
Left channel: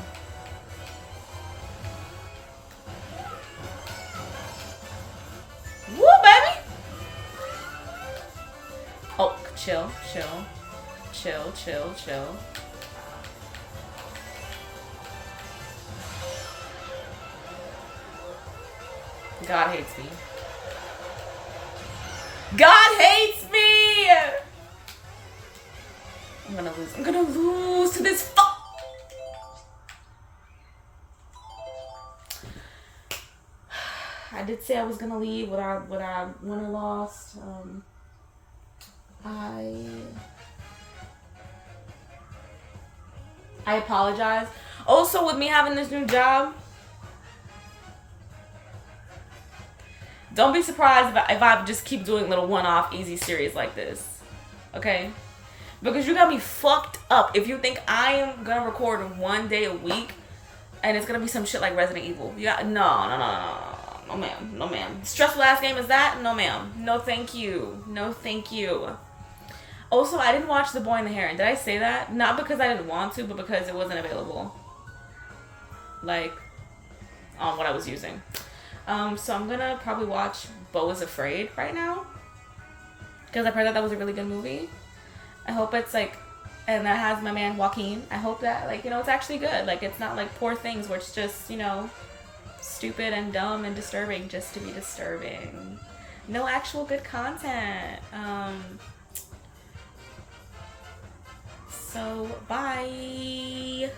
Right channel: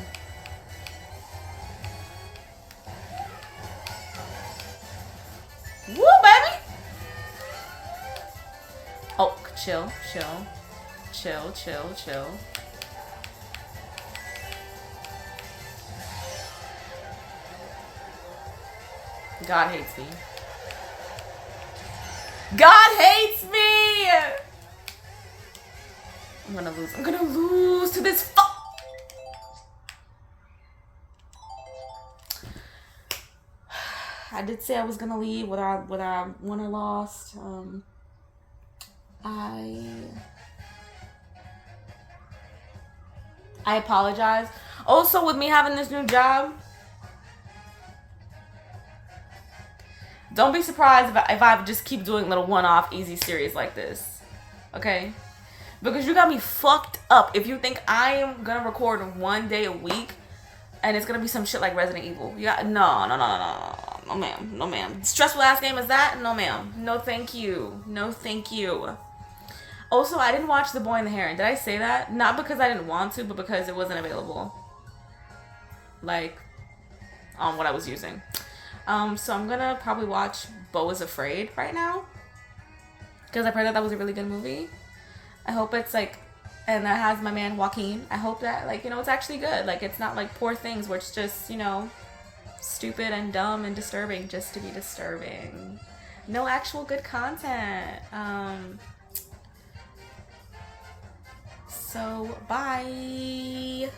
Woo, baby! Oh, chill, chill. Chill, chill, chill. God hates me. God hates me! I'm gonna lose. I'm gonna lose to this fuck. I did say I was gonna leave whether I won or lost. I apologize. Also, with me having this new job, don't be surprised if I just keep doing little one-off easy series like this. Okay? Because you got me fucked up if you think I am gonna record one day a week and it's gonna be some shit like Resident Evil. Yeah, no, ma'am. No, ma'am. Stressful ass game is that? No, ma'am. No, thank you. No, thank you. Also, I didn't watch The Boy and the Heron. Did I say that? Not because I didn't want to, but because it wasn't available. Like, on what I was using. So I'm gonna probably watch Beau is Afraid right now. Because I've heard that was a really good movie. I hope it's like, and that has my man Joaquin. I hope that, like, you know, it's actually good. Like, it's not like Poor Things where it's just, you know, stupid and dumb and disturbing just to be disturbing. No actual good content. So, bye.